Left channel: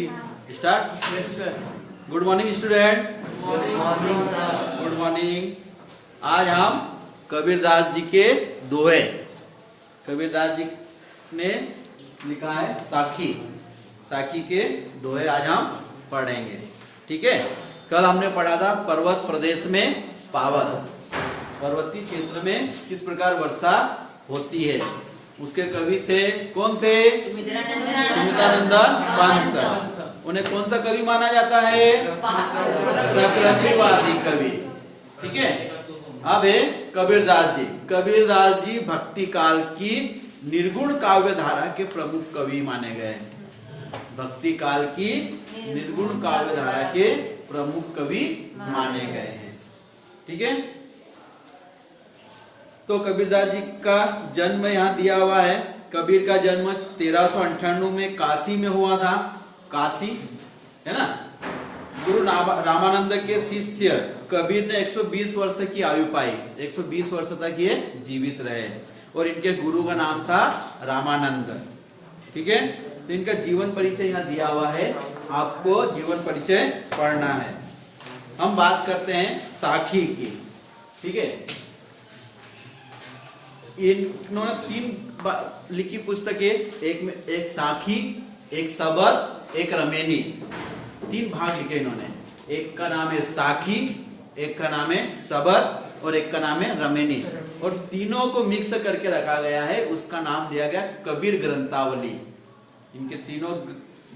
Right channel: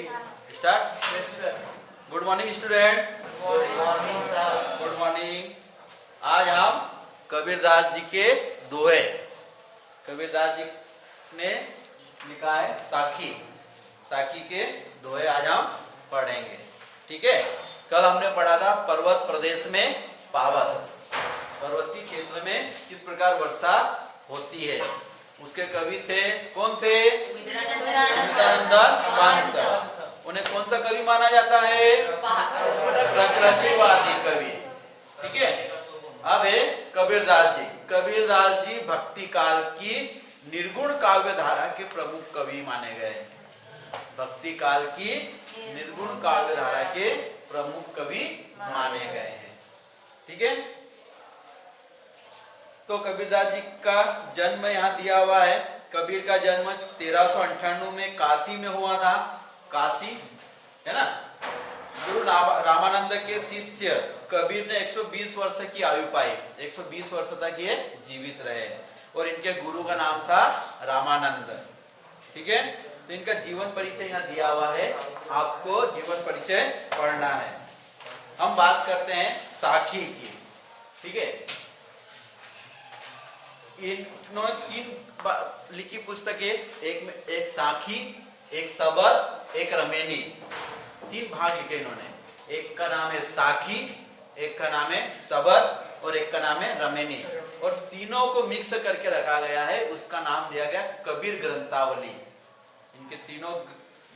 Start. Yes sir. Good morning student. Good morning sir. Good morning. आज हम कबीरदास जी के दोहे, कबीरदास जी ने लिखा है साखी, साखी के दोहे आज हम पढ़ेंगे। ठीक है। कल हमने पढ़ा था पर्वत प्रदेश में पावस, पर्वतीय क्षेत्र में किस प्रकार वर्षा होती है। उसके कवि थे, कौन थे? सुमित्रानंदन पंत। उन्हें कौन सा कवि माना जाता है? प्रकृतिवादी कवि। ठीक है। अब है कबीरदास जी। कबीरदास जी भक्ति काल की निर्गुण काव्य धारा के प्रमुख कवि माने गए। भक्ति काल की निर्गुण काव्य धारा के प्रमुख कवि माने गए हैं। ठीक है। तो कबीरदास जी का जन्म यहाँ दिया हुआ है। कबीर का जन्म 1398 में काशी में हुआ था। काशी है ना। गुरु रामानंद के शिष्य कबीर ने 120 वर्ष की आयु पाई। 120 वर्ष तक ये जीवित रहे और इनके गुरु का नाम था रामानंद। ठीक है। तो इनका जीवन परिचय यहाँ दिया हुआ है, आपको जीवन परिचय पढ़ना है। हम बात करते हैं साखी की। ठीक है। इन्होंने 3 लिखी पुस्तकें, एक साखी, एक सबद, एक रमेनी। 3 भाग लिखे इन्होंने। एक का नाम है साखी, एक का नाम है सबद और एक का नाम है रमेनी। और तीनों को मिक्स करके रखा गया है, उसका नाम दिया गया कबीर ग्रंथावली। इनके तीनों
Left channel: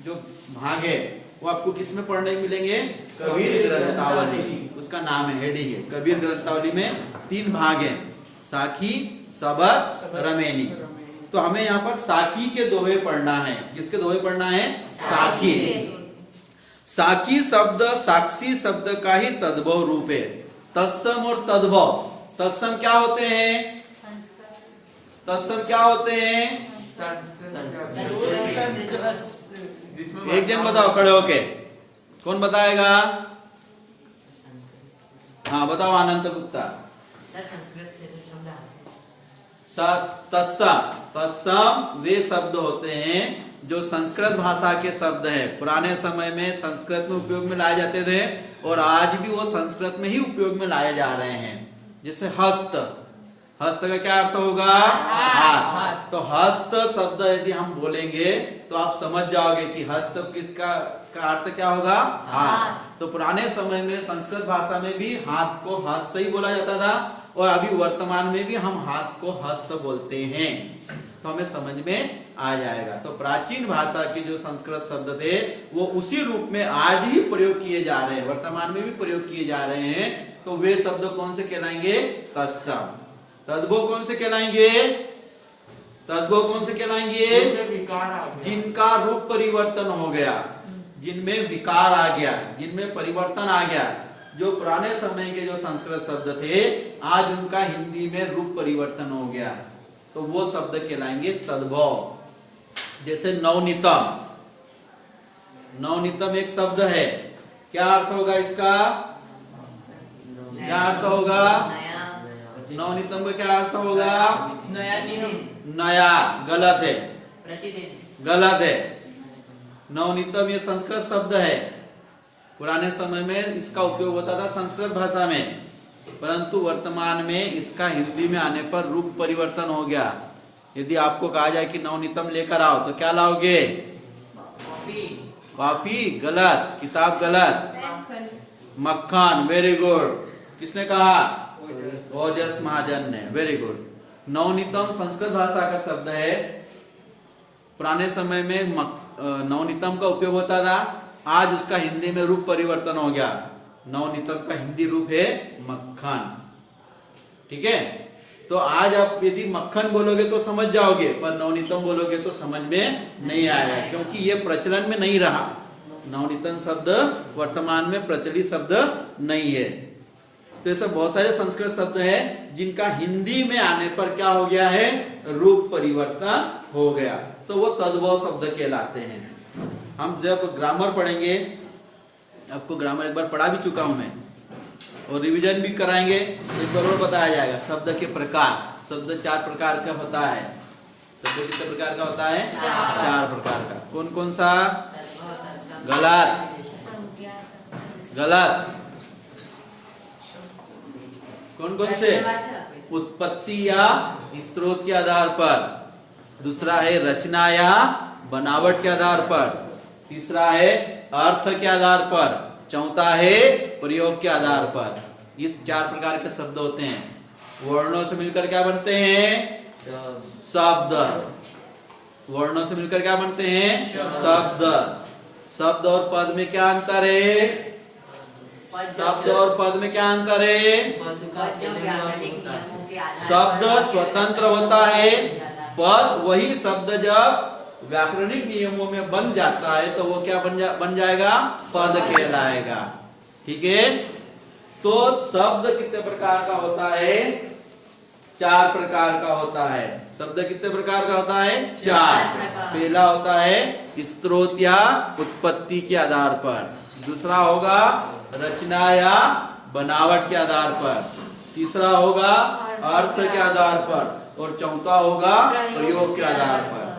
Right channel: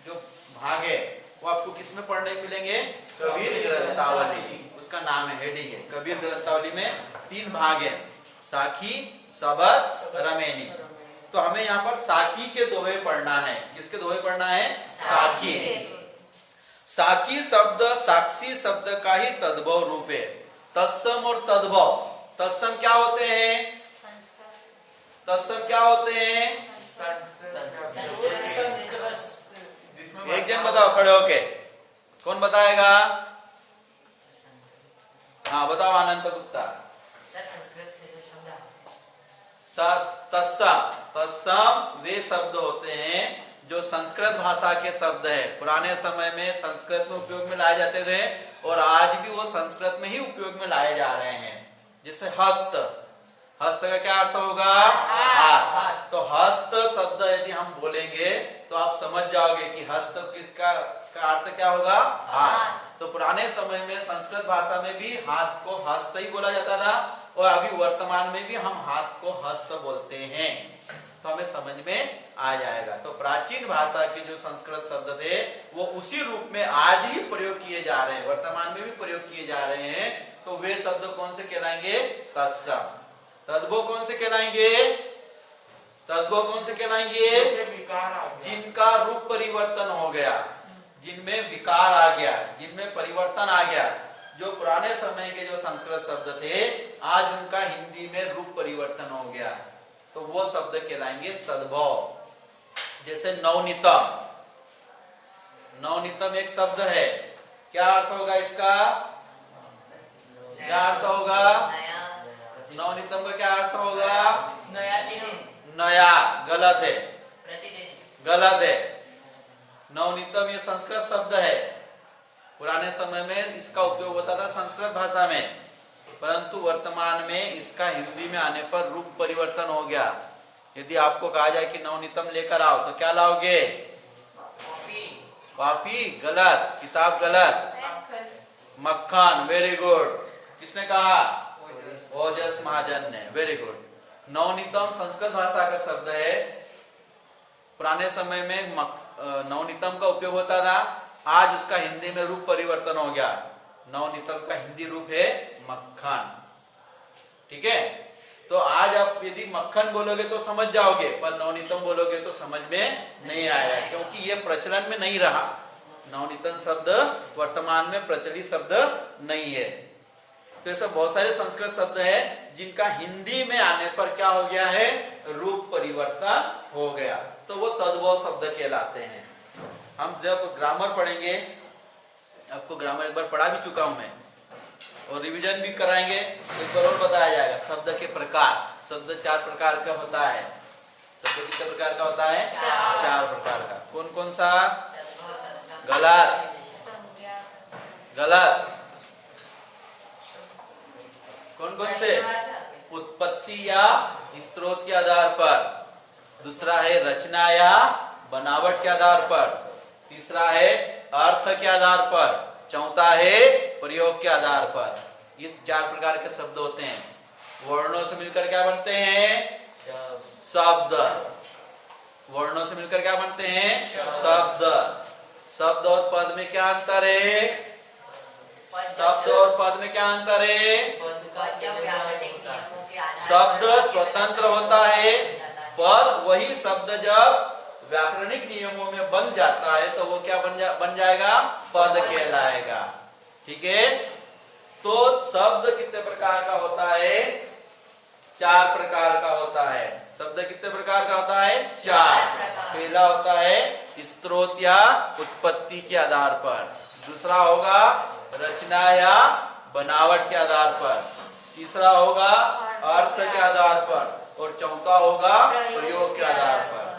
जो भाग है वो आपको किस में पढ़ने मिलेंगे? कबीर ग्रंथावली, उसका नाम है, हेडिंग है। कबीर ग्रंथावली में 3 भाग है, साखी, सबद, रमेनी। तो हमें यहाँ पर साखी के दोहे पढ़ना है। किसके दोहे पढ़ना है? साखी। साखी शब्द साक्षी शब्द का ही तद्भव रूप है। तत्सम और तद्भव, तत्सम क्या होते हैं? तत्सम क्या होते हैं? एक जन बताओ खड़े होके, कौन बताएगा? हाँ बताओ, अनंत गुप्ता। तत्सम, तत्सम वे शब्द होते हैं जो संस्कृत भाषा के शब्द है। पुराने समय में संस्कृत में उपयोग में लाए जाते थे और आज भी वो संस्कृत में ही उपयोग में लाए जा रहे हैं। जैसे हस्त, हस्त का क्या अर्थ होगा? हाथ। तो हस्त शब्द यदि हम बोलेंगे तो आप समझ जाओगे कि हस्त किसका अर्थ क्या होगा? हाथ। तो पुराने समय में संस्कृत भाषा में भी हाथ को हस्त ही बोला जाता था और अभी वर्तमान में भी हम हाथ को हस्त बोलते हैं। तो हमें समझ में आ जाएगा। तो प्राचीन भाषा के जो संस्कृत शब्द थे वो उसी रूप में आज ही प्रयोग किए जा रहे हैं, वर्तमान में भी प्रयोग किए जा रहे हैं। तो वे शब्द कौन से कहलाएंगे? तत्सम। तद्भव कौन से कहलाएंगे? तद्भव कौन से कहलाएंगे? जिनका रूप परिवर्तन हो गया, जिनमें विकार आ गया, जिनमें परिवर्तन आ गया। जो पुराने समय के जो संस्कृत शब्द थे आज उनका हिंदी में रूप परिवर्तन हो गया, तो वो शब्द कहलाएंगे तद्भव। जैसे नवनीतम, नवनीतम एक शब्द है, क्या अर्थ होगा इसका? क्या अर्थ होगा? नवनीतम का क्या अर्थ होगा? नया दिन। नया, गलत है, प्रतिदिन, गलत है। नवनीतम ये संस्कृत शब्द है। पुराने समय में इसका उपयोग होता था संस्कृत भाषा में, परंतु वर्तमान में इसका हिंदी में आने पर रूप परिवर्तन हो गया। यदि आपको कहा जाए कि नवनीतम लेकर आओ तो क्या लाओगे? कॉफी, गलत। किताब, गलत। मक्खन, वेरी गुड। किसने कहा? ओजस महाजन ने, वेरी गुड। नवनीतम संस्कृत भाषा का शब्द है। पुराने समय में नवनीतम का उपयोग होता था, आज उसका हिंदी में रूप परिवर्तन हो गया। नवनीतम का हिंदी रूप है मक्खन। ठीक है। तो आज आप यदि मक्खन बोलोगे तो समझ जाओगे, पर नवनीतम बोलोगे तो समझ में नहीं आएगा, क्योंकि ये प्रचलन में नहीं रहा। नवनीतम शब्द वर्तमान में प्रचलित शब्द नहीं है। तो ऐसे बहुत सारे संस्कृत शब्द हैं जिनका हिंदी में आने पर क्या हो गया है? रूप परिवर्तन हो गया, तो वो तद्भव शब्द कहलाते हैं। हम जब ग्रामर पढ़ेंगे, आपको ग्रामर एक बार पढ़ा भी चुका हूं मैं और रिवीजन भी कराएंगे, तो एक बार और बताया जाएगा। शब्द के प्रकार, शब्द 4 प्रकार का होता है। शब्द कितने प्रकार का होता है? 4 प्रकार का। कौन कौन सा? गलत, गलत। कौन कौन से? उत्पत्ति या स्रोत के आधार पर, दूसरा है रचना या बनावट के आधार पर, तीसरा है अर्थ के आधार पर, चौथा है प्रयोग के आधार पर। इस 4 प्रकार के शब्द होते हैं। वर्णों से मिलकर क्या बनते हैं? शब्द। वर्णों से मिलकर क्या बनते हैं? शब्द। शब्द और पद में क्या अंतर है? शब्द और पद में क्या अंतर है? शब्द स्वतंत्र होता है, पद वही शब्द जब व्याकरणिक नियमों में बन जाता है तो वो क्या बन जाएगा? पद कहलाएगा। ठीक है। तो शब्द कितने प्रकार का होता है? 4 प्रकार का होता है। शब्द कितने प्रकार का होता है? 4। पहला होता है स्रोत या उत्पत्ति के आधार पर, दूसरा होगा रचना या बनावट के आधार पर, तीसरा होगा अर्थ के आधार पर, और चौथा होगा प्रयोग के आधार पर।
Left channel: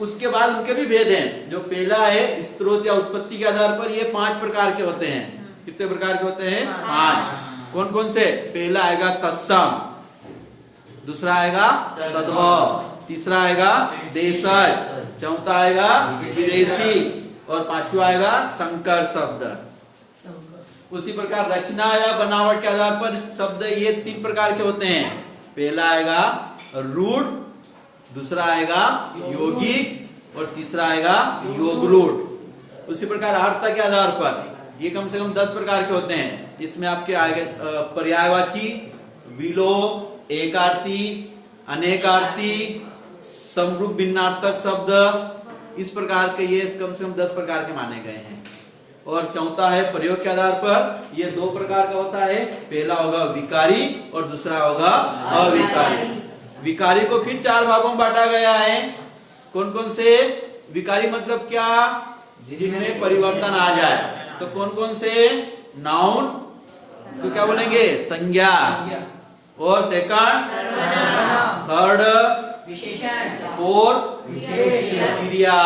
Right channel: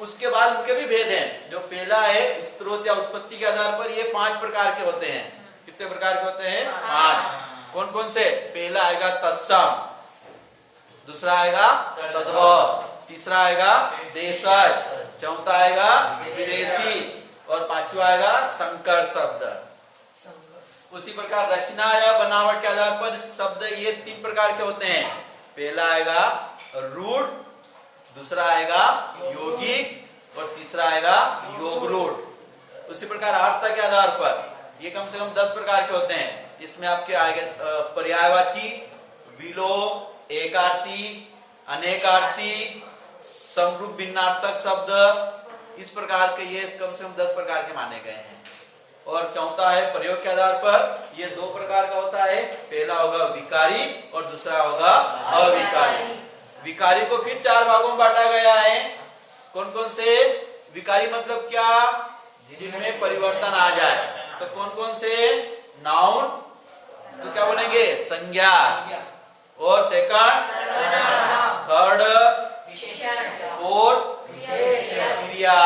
उसके बाद उनके भी भेद हैं। जो पहला है स्रोत या उत्पत्ति के आधार पर, ये 5 प्रकार के होते हैं। कितने प्रकार के होते हैं? 5। कौन कौन से? पहला आएगा तत्सम, दूसरा आएगा तद्भव, तीसरा आएगा देशज, चौथा आएगा विदेशी, और पांचवा आएगा संकर शब्द। उसी प्रकार रचना या बनावट के आधार पर शब्द ये 3 प्रकार के होते हैं। पहला आएगा रूढ़, दूसरा आएगा यौगिक, और तीसरा आएगा योग रूढ़। उसी प्रकार अर्थ के आधार पर ये कम से कम 10 प्रकार के होते हैं। इसमें आपके आएगा पर्यायवाची, विलोम, एकार्थी, अनेकार्थी, समरूप भिन्नार्थक शब्द। इस प्रकार के ये कम से कम 10 प्रकार के माने गए हैं। और चौथा है प्रयोग के आधार पर, ये 2 प्रकार का होता है। पहला होगा विकारी और दूसरा होगा अविकारी। विकारी को फिर 4 भागों में बांटा गया है। कौन कौन से? विकारी मतलब क्या? जिनमें परिवर्तन आ जाए। तो कौन कौन से? नाउन, तो क्या बोलेंगे? संज्ञा, और सेकंड थर्ड, फोर्थ क्रिया।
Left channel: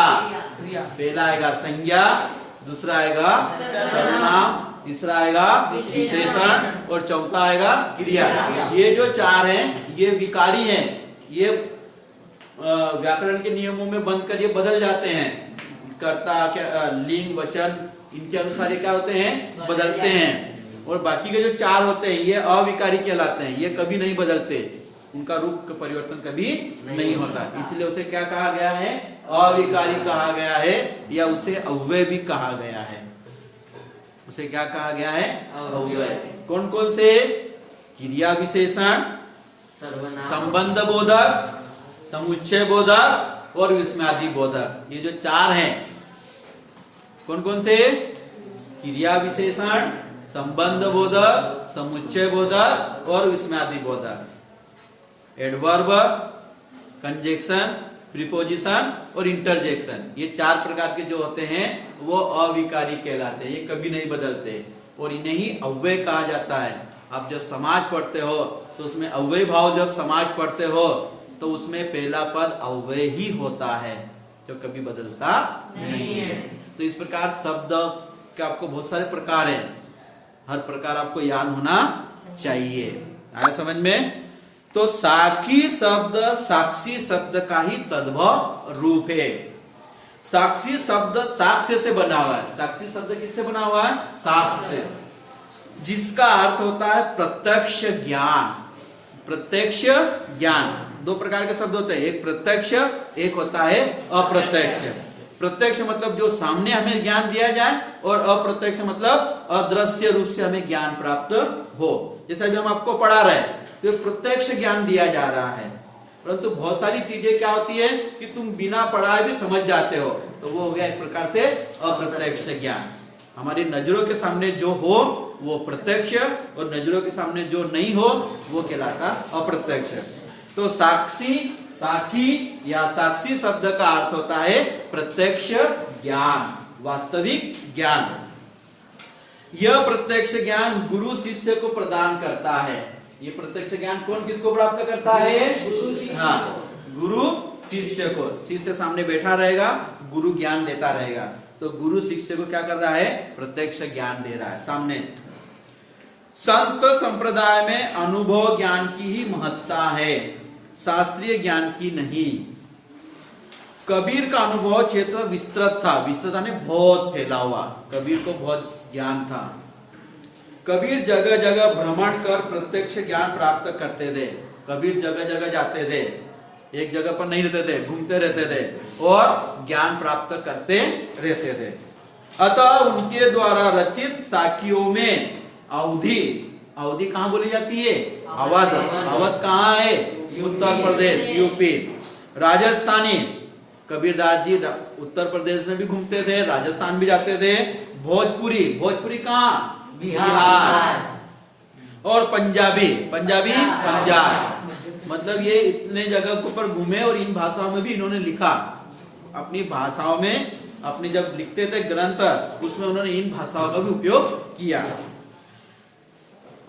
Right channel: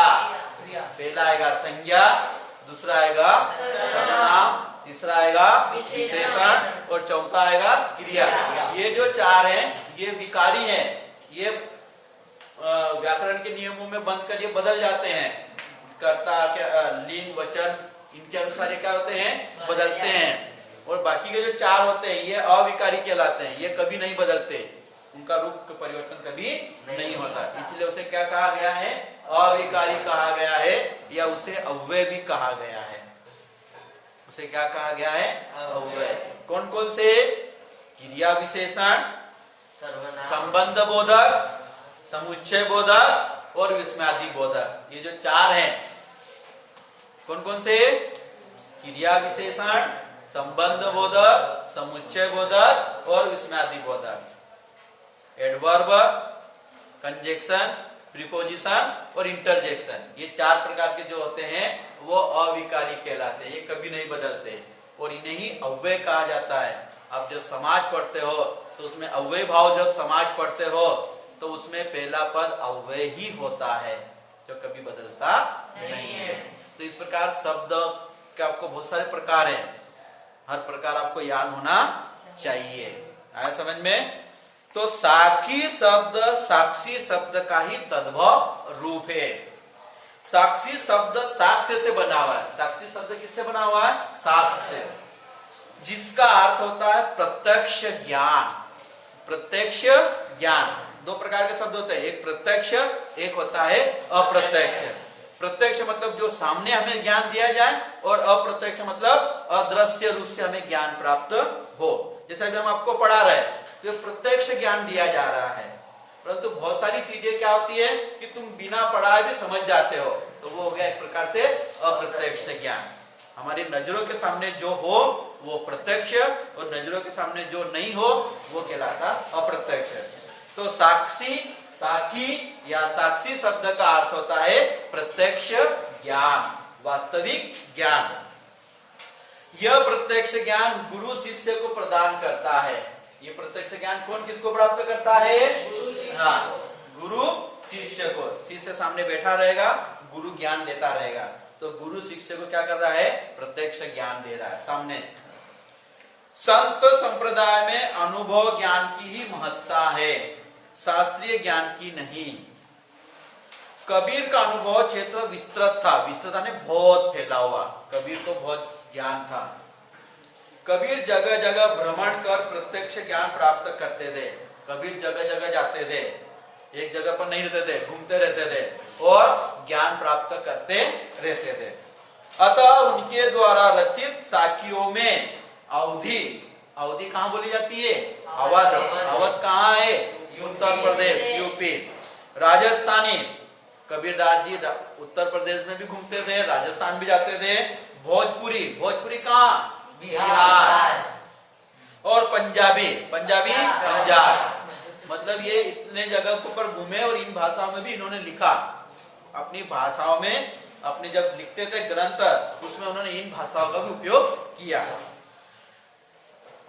पहला आएगा संज्ञा, दूसरा आएगा सर्वनाम, तीसरा आएगा विशेषण, और चौथा आएगा क्रिया। ये जो 4 हैं ये विकारी हैं। ये व्याकरण के नियमों में बनकर ये बदल जाते हैं। कर्ता, क्या लिंग, वचन, इनके अनुसार ये क्या होते हैं? बदलते हैं। और बाकी के जो 4 होते हैं ये अविकारी कहलाते हैं। ये कभी नहीं बदलते, उनका रूप का परिवर्तन कभी नहीं होता। इसलिए उसे क्या कहा गया है? अविकारी कहा गया है, या उसे अव्यय भी कहा गया है। उसे क्या कहा गया है? अव्यय। कौन कौन से? क्रिया विशेषण, संबंध बोधक, समुच्चय बोधक और विस्मयादि बोधक। ये जो 4 हैं, कौन कौन से? क्रिया विशेषण, संबंध बोधक, समुच्चय बोधक और विस्मयादि बोधक। एडवर्ब, कंजक्शन, प्रीपोजिशन और इंटरजेक्शन, ये 4 प्रकार के जो होते हैं वो अविकारी कहलाते हैं। ये कभी नहीं बदलते और इन्हें ही अव्यय कहा जाता है। आप जब समाज पढ़ते हो तो उसमें अव्यय भाव, जब समाज पढ़ते हो तो उसमें पहला पद अव्यय ही होता है, जो कभी बदलता नहीं है। तो इस प्रकार शब्द के आपको बहुत सारे प्रकार हैं, हर प्रकार आपको याद होना चाहिए। आया समझ में? तो साक्षी शब्द साक्षी शब्द का ही तद्भव रूप है। साक्षी शब्द साक्ष्य से बना हुआ है। साक्षी शब्द किससे बना हुआ है? साक्ष्य से, जिसका अर्थ होता है प्रत्यक्ष ज्ञान। प्रत्यक्ष ज्ञान 2 प्रकार के शब्द होते हैं, एक प्रत्यक्ष, एक होता है अप्रत्यक्ष। प्रत्यक्ष मतलब जो सामने हमें ज्ञान दिया जाए, और अप्रत्यक्ष मतलब अदृश्य रूप से हमें ज्ञान प्राप्त हो। जैसे अभी हम आपको पढ़ा रहे हैं तो प्रत्यक्ष ज्ञान दिया जा रहा है, परंतु बहुत सारी चीजें क्या होती है कि तुम बिना पढ़ाए भी समझ जाते हो, तो वो हो गया एक प्रकार से अप्रत्यक्ष ज्ञान। हमारी नजरों के सामने जो हो वो प्रत्यक्ष, और नजरों के सामने जो नहीं हो वो कहलाता अप्रत्यक्ष। तो साक्षी, साक्षी या साक्षी शब्द का अर्थ होता है प्रत्यक्ष ज्ञान, वास्तविक ज्ञान। यह प्रत्यक्ष ज्ञान गुरु शिष्य को प्रदान करता है। ये प्रत्यक्ष ज्ञान कौन किसको प्राप्त करता है? हाँ, गुरु शिष्य को। शिष्य सामने बैठा रहेगा, गुरु ज्ञान देता रहेगा। तो गुरु शिष्य को क्या कर रहा है? प्रत्यक्ष ज्ञान दे रहा है। सामने संत संप्रदाय में अनुभव ज्ञान की ही महत्ता है, शास्त्रीय ज्ञान की नहीं। कबीर का अनुभव क्षेत्र विस्तृत था, विस्तृत ने बहुत फैला हुआ, कबीर को बहुत ज्ञान था। कबीर जगह जगह भ्रमण कर प्रत्यक्ष ज्ञान प्राप्त करते थे। कबीर जगह जगह जाते थे, एक जगह पर नहीं रहते थे, घूमते रहते थे और ज्ञान प्राप्त करते रहते थे। अतः उनके द्वारा रचित साखियों में अवधि, अवधि कहाँ बोली जाती है? अवध। अवध कहाँ है? उत्तर प्रदेश, यूपी। राजस्थानी, कबीरदास जी उत्तर प्रदेश में भी घूमते थे, राजस्थान भी जाते थे। भोजपुरी, भोजपुरी कहाँ? बिहार। और पंजाबी, पंजाबी पंजाब। मतलब ये इतने जगह के ऊपर घूमे और इन भाषाओं में भी इन्होंने लिखा। अपनी भाषाओं में, अपनी जब लिखते थे ग्रंथ, उसमें उन्होंने इन भाषाओं का भी उपयोग किया।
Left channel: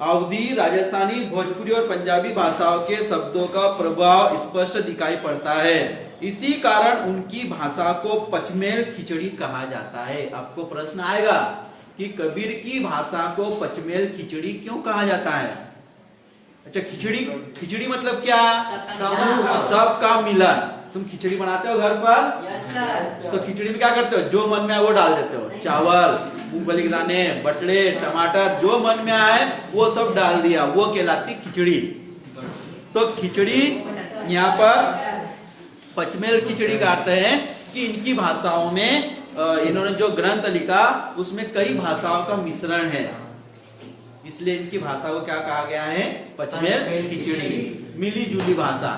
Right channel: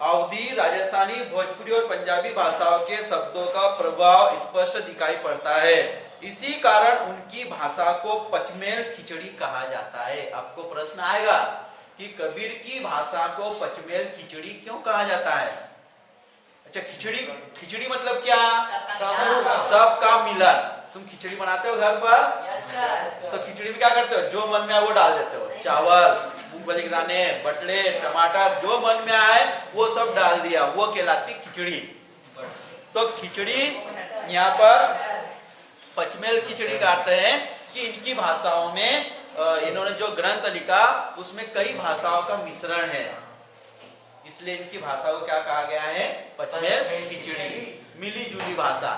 अवधी, राजस्थानी, भोजपुरी और पंजाबी भाषाओं के शब्दों का प्रभाव स्पष्ट दिखाई पड़ता है। इसी कारण उनकी भाषा को पचमेल खिचड़ी कहा जाता है। आपको प्रश्न आएगा कि कबीर की भाषा को पचमेल खिचड़ी क्यों कहा जाता है? अच्छा, खिचड़ी, खिचड़ी मतलब क्या? सबका मिलन। तुम खिचड़ी बनाते हो घर पर? Yes sir. तो खिचड़ी में क्या करते हो? जो मन में आए वो डाल देते हो। चावल, मूंगफली के दाने, बटले, टमाटर, जो मन में आए वो सब डाल दिया, वो कहलाती खिचड़ी। तो खिचड़ी यहाँ पर पचमेल खिचड़ी का अर्थ है कि इनकी भाषाओं में इन्होंने जो ग्रंथ लिखा उसमें कई भाषाओं का मिश्रण है, इसलिए इनकी भाषा को क्या कहा गया है? पचमेल खिचड़ी, मिली जुली भाषा।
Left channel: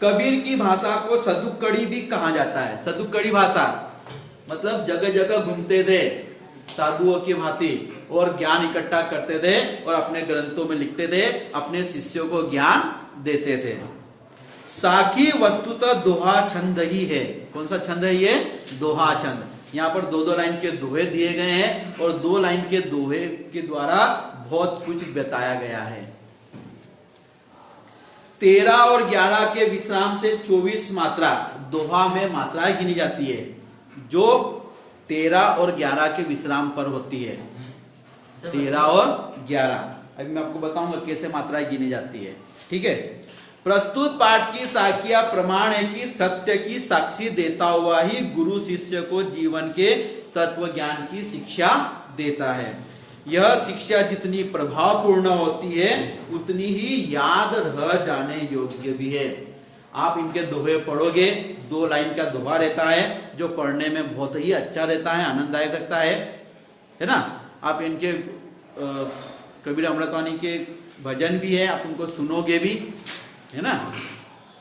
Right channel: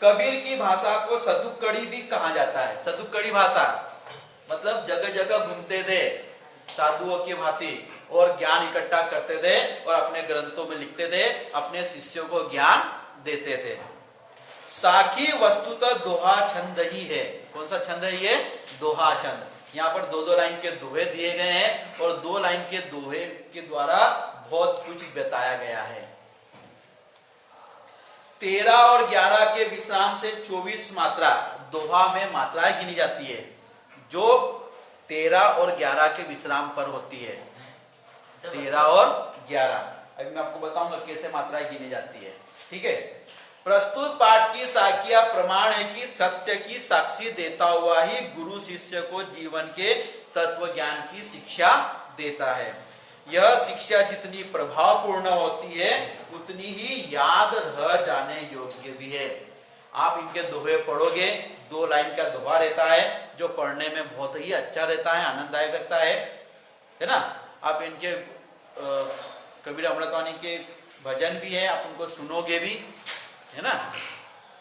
कबीर की भाषा को सदुक्कड़ी भी कहा जाता है। सदुक्कड़ी भाषा मतलब जगह जगह घूमते थे साधुओं की भांति और ज्ञान इकट्ठा करते थे और अपने ग्रंथों में लिखते थे, अपने शिष्यों को ज्ञान देते थे। साखी वस्तुतः दोहा छंद ही है। कौन सा छंद है ये? दोहा छंद। यहाँ पर दो दो लाइन के दोहे दिए गए हैं और दो लाइन के दोहे के द्वारा बहुत कुछ बताया गया है। 13 और 11 के विश्राम से 24 मात्रा दोहा में मात्राएं गिनी जाती है, जो 13 और 11 के विश्राम पर होती है। 13 और 11 अभी मैं आपको बताऊंगा कैसे मात्राएं गिनी जाती है। ठीक है। प्रस्तुत पाठ की साखिया प्रमाण है कि सत्य की साक्षी देता हुआ ही गुरु शिष्य को जीवन के तत्व ज्ञान की शिक्षा देता है। यह शिक्षा जितनी प्रभावपूर्ण होती है उतनी ही याद रह जाने योग्य भी है। आप इनके दोहे पढ़ोगे, 2 लाइन का दोहा रहता है जो पढ़ने में बहुत ही अच्छा रहता है, आनंददायक लगता है ना। आप इनके कबीर अमृतवाणी के भजन भी है, आप उनको सुनोगे भी, है ना।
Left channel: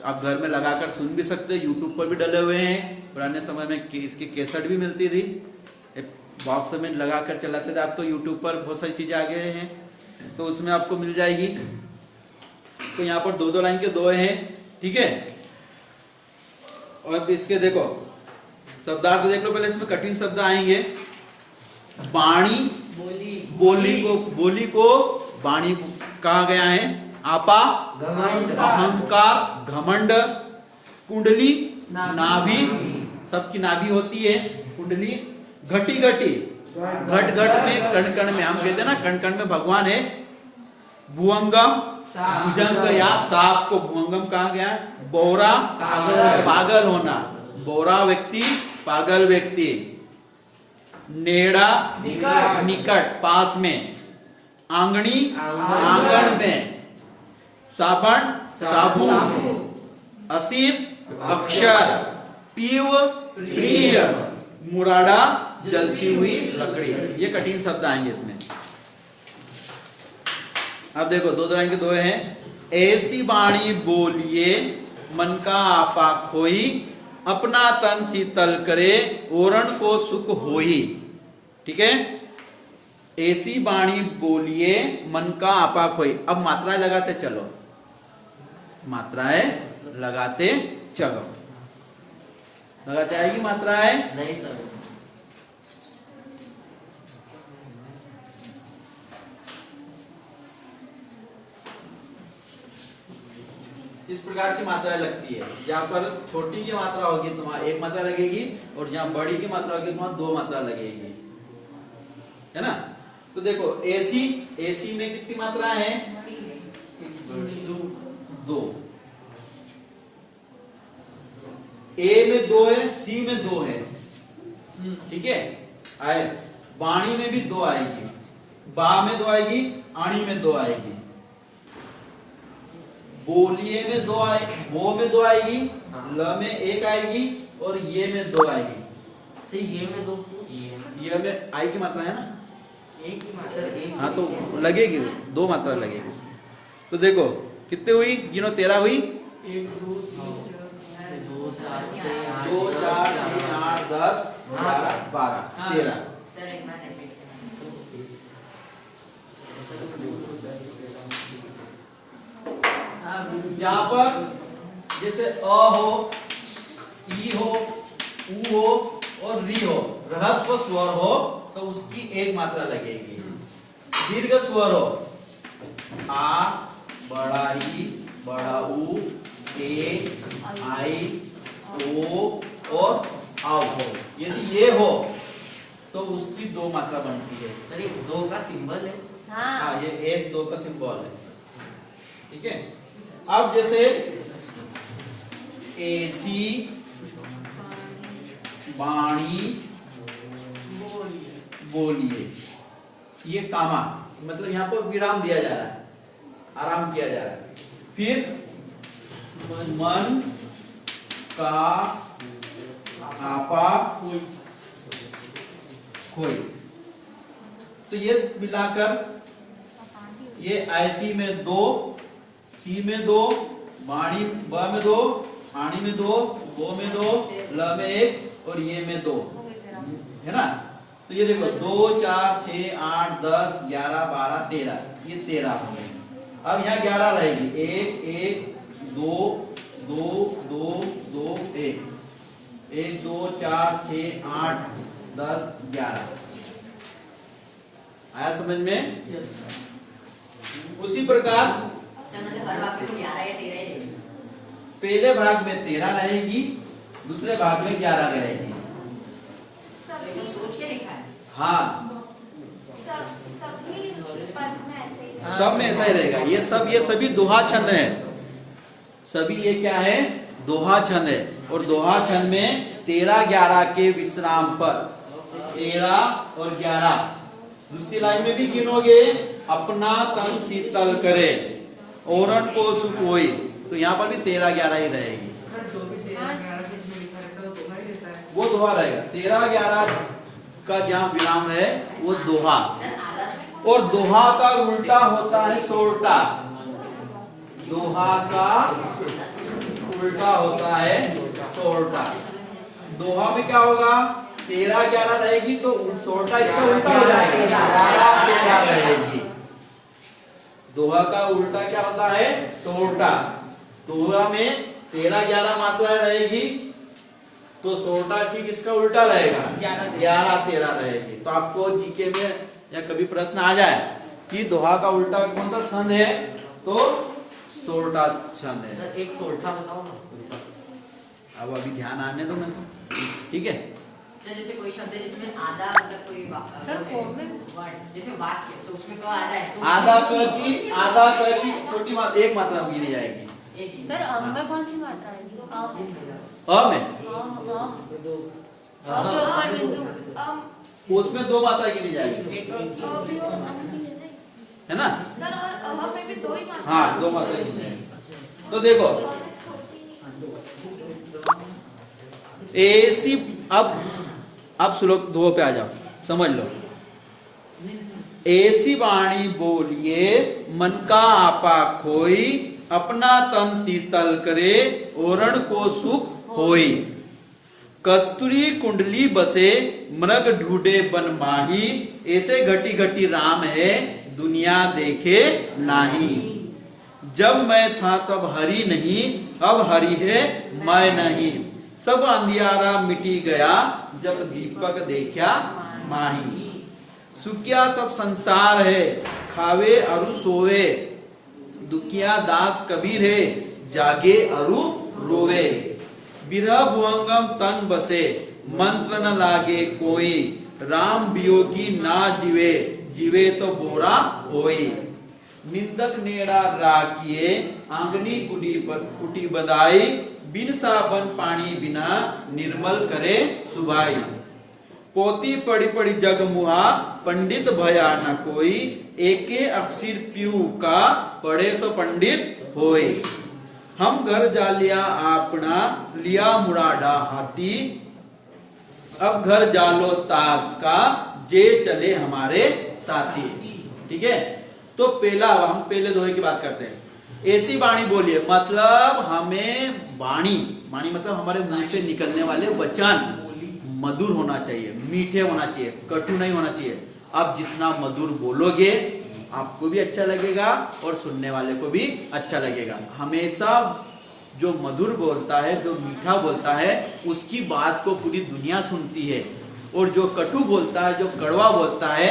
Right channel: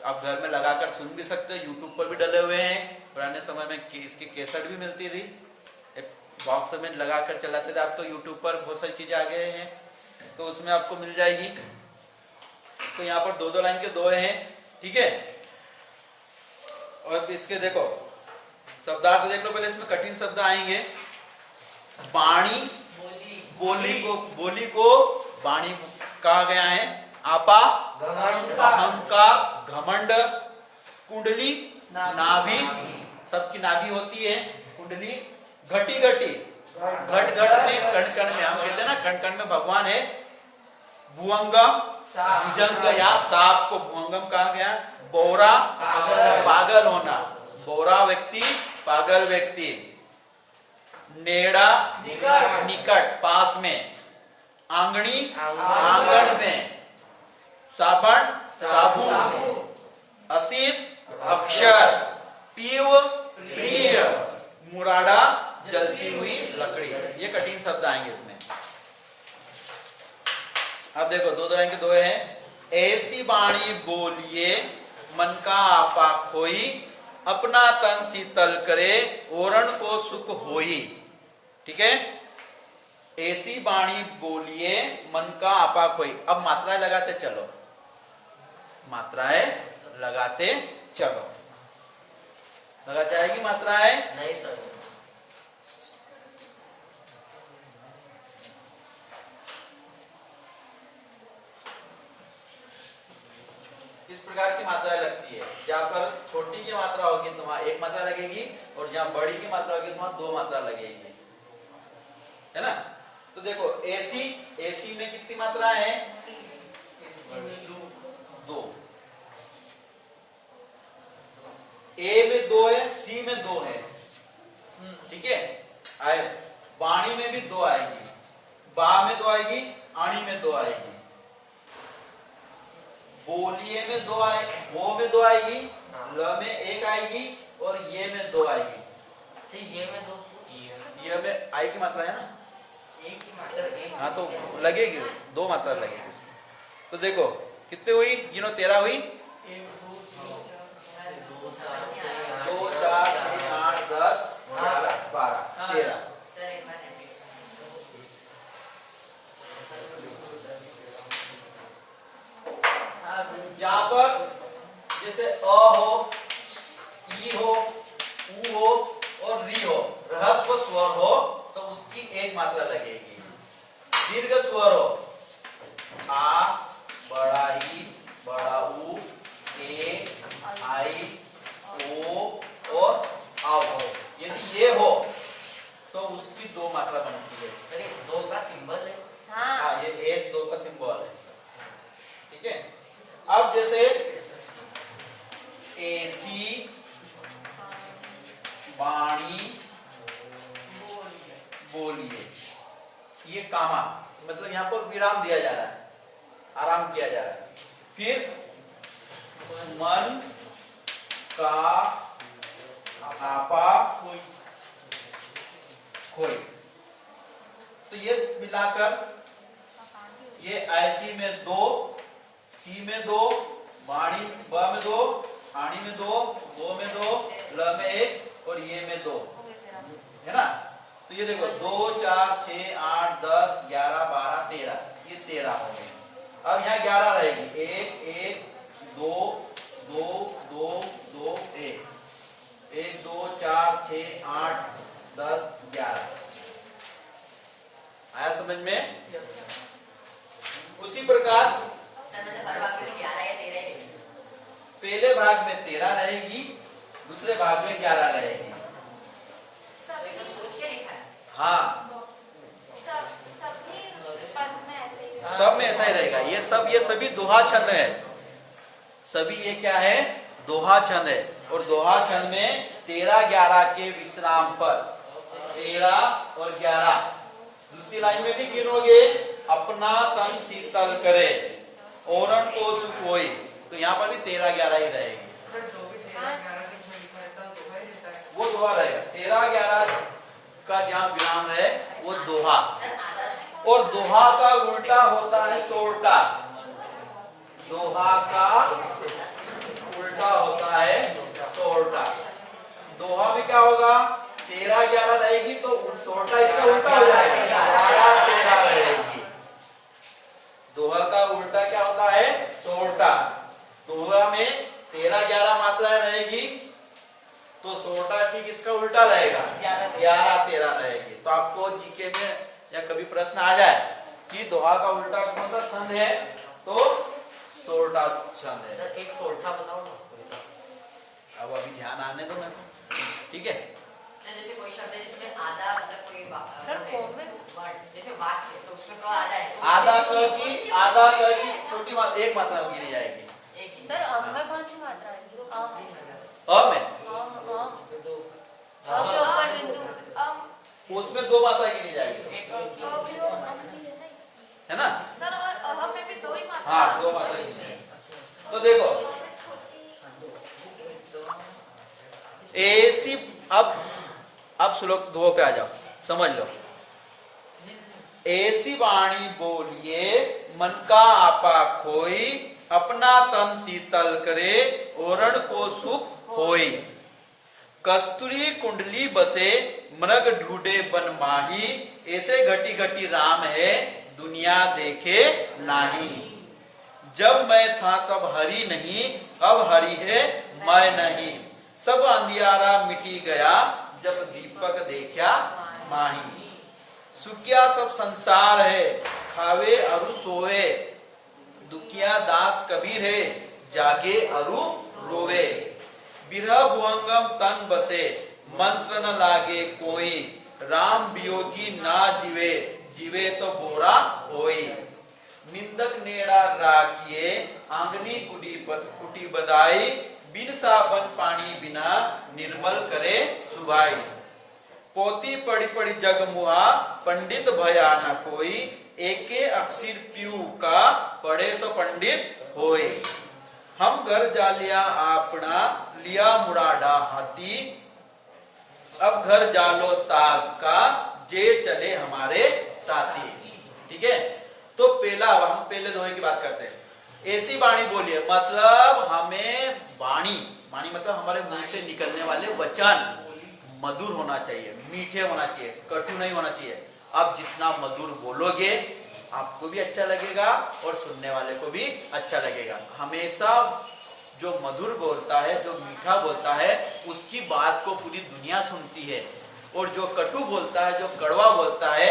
आप घर में लगाकर सुन भी सकते हो, यूट्यूब पर भी डले हुए हैं। पुराने समय में इसकी कैसेट भी मिलती थी, बॉक्स में लगाकर चलाते थे। आप तो यूट्यूब पर बहुत सारी चीजें आ गए हैं, तो उसमें आपको मिल जाएगी। तो यहाँ पर 2-2 लाइन के दोहे हैं, ठीक है। और इसके देखो शब्दार्थ देख लो पहले, इसमें कठिन शब्द आएंगे। बाणी, बोली को बाणी कहा गया है। आपा, अहंकार, घमंड। कुंडली, नाभि, सबकी नाभि होती है कुंडली। घटी, घट घट में, कण कण में, हम कहते हैं ना कण कण में भगवान है। भुअंगम, भुजंग या सांप को भुअंगम कहा गया। बोरा, पागल होना, बोरा व्यक्ति, पागल व्यक्ति। नेड़ा, निकट, पास में। आंगनी, आंगन में। साबण, साबुन। असित, अक्षर। पीव, प्रिय। मुराड़ा, जलती हुई लकड़ी। ये कठिन शब्द आएंगे इसमें। अब देखो 2 लाइन के दोहे हैं। ऐसी बाणी बोलिए मन का आपा खोई, अपना तन शीतल करे ओरण को सुख होई। ठीक है। ऐसी बाणी बोलिए मन का आपा खोई। अब मात्राएं लगाते चलो, मात्राएं लगाते चलो। लगाते आएगी मात्राएं? नहीं सर। इस प्रकार की मात्राएं लगती है। जहाँ पर छोटी की मात्रा होगी तो वहां एक मात्रा लगेगी, और जहाँ बड़ी की मात्रा होगी तो वहां दो मात्रा लगेगी, है ना। तो देखो एसी में कितनी मात्रा है? दो। ए में दो है, सी में दो है, ठीक है। आए वाणी में भी दो आएगी, बा में दो आएगी, आणी में दो आएगी, बोलिए में दो आए, वो में दो आएगी, ल में एक आएगी, और ये में दो आएगी। सही, ये में दो, ये में आई की मात्रा है ना, एक ही मात्रा, एक हाँ तो लगेगी, दो मात्रा लगेगी। तो देखो कितने हुई, गिनो, 13 हुई। 2 4 6 8 10 11 12 13। सर एक बार जहां पर जैसे अ हो, ई हो, उ हो और री हो, ह्रस्व स्वर हो तो उसकी एक मात्रा लगेगी। दीर्घ स्वर हो, आ, बड़ा ई, बड़ा उ, ए, आई, ओ और आओ हो, यदि ये हो तो उसकी दो मात्रा बनती है। सर ये दो का सिंबल है। हाँ, ये एस दो का सिंबल है, ठीक है। अब जैसे एसी, वाणी, बोलिए, ये कामा, मतलब यहाँ पर विराम दिया जा रहा है, आराम किया जा रहा है। फिर मन का आपा खोई, तो ये मिलाकर ये ऐसी में दो, सी में दो, वाणी ब में दो, आणी में दो, वो में दो, ल में एक और ये में दो, है ना। तो ये देखो 2 4 6 8 10 11 12 13, ये 13 हो गए। अब यहाँ 11 रहेगी, 1 1 2 2 2 2 1 1 2 4 6 8 10 11। आया समझ में? उसी प्रकार सर मतलब हर वाक्य में 11 या 13 है। पहले भाग में 13 रहेगी, दूसरे भाग में 11 रहेगी। एकदम सोच के लिखा है। हाँ, सब सब में ऐसा ही रहेगा। ये सभी दोहा छंद है, सभी ये क्या है, दोहा छंद है। और दोहा छंद में 13 11 के विश्राम पर 13 और 11, दूसरी लाइन में भी गिनोगे, अपना तन शीतल करे औरन को सुकोई, तो यहाँ पर भी 13 11 ही रहेगी, वो दोहा रहेगा। 13 11 का जहाँ विराम है वो दोहा, और दोहा का उल्टा होता है सोरठा। दोहा का उल्टा होता है सोरठा। दोहा में क्या होगा, 13 11 रहेगी तो सोरठा इसका उल्टा हो जाएगा, 11 13 रहेगी। दोहा का उल्टा क्या होता है, सोरठा। दोहा में 13 11 मात्राएं रहेगी तो सोरठा ठीक इसका उल्टा रहेगा, 11 13 रहेगी। तो आपको जीके में या कभी प्रश्न आ जाए कि दोहा का उल्टा कौन सा छंद है, तो सोरठा छंद है। सर एक सोरठा बताओ ना। अब अभी ध्यान आने दो मेरे को, ठीक है। सर जैसे कोई शब्द है जिसमें आधा मतलब कोई सर, फॉर्म में? वर्ड जैसे वाक्य, तो उसमें क आधा है तो आधा उसमें क की छोटी मात्रा, एक मात्रा गिनी जाएगी। एक ही। सर अम में कौन सी मात्रा आएगी? अम में के ऊपर बिंदु अम, उसमें दो मात्रा गिनी जाएगी, अ भी और अम भी है ना। है ना। सर और अ में भी दो ही मात्रा। हाँ, दो मात्रा गिनी जाएगी। तो देखो ऐसी, अब श्लोक 2 पे आ जाओ, समझ लो। ऐसी वाणी बोलिए मन का आपा खोई, अपना तन शीतल करे ओरण को सुख होई। कस्तूरी कुंडली बसे मृग ढूंढे बन माही, ऐसे घटी घटी राम है दुनिया देखे नाही। जब मैं था तब हरि नहीं, अब हरि है मैं नहीं। सब अंधियारा मिटी गया, जब दीपक देखा माही। सुखिया सब संसार है, खावे अरु सोवे, दुखिया दास कबीर है, जागे अरु रोवे। बिरह भुवंगम तन बसे मंत्र न लागे कोई, राम वियोगी ना जीवे जीवे तो बोरा होई। निंदक नेड़ा राखिए आंगनी कुटी बदाई, बिन साबन पानी बिना निर्मल करे सुभाई। पोती पड़ी पड़ी जग मुहा पंडित भया न कोई, एके अक्षर पीऊ का पढ़े सो पंडित होए। हम घर जा लिया आपना लिया मुराडा हाथी, अब घर जालो ताश का जे चले हमारे साथी। ठीक है, तो हम पहले दोहे की बात करते हैं। ऐसी वाणी बोलिए, मतलब हमें वाणी मतलब हमारे मुंह से निकलने वाले वचन मधुर होना चाहिए, मीठे होना चाहिए, कटु नहीं होना चाहिए। आप जितना मधुर बोलोगे आपको भी अच्छा लगेगा और सुनने वाले को भी अच्छा लगेगा। हमेशा जो मधुर बोलता है, जो मीठा बोलता है, उसकी बात को पूरी दुनिया सुनती है, और जो कटु बोलता है, जो कड़वा बोलता है,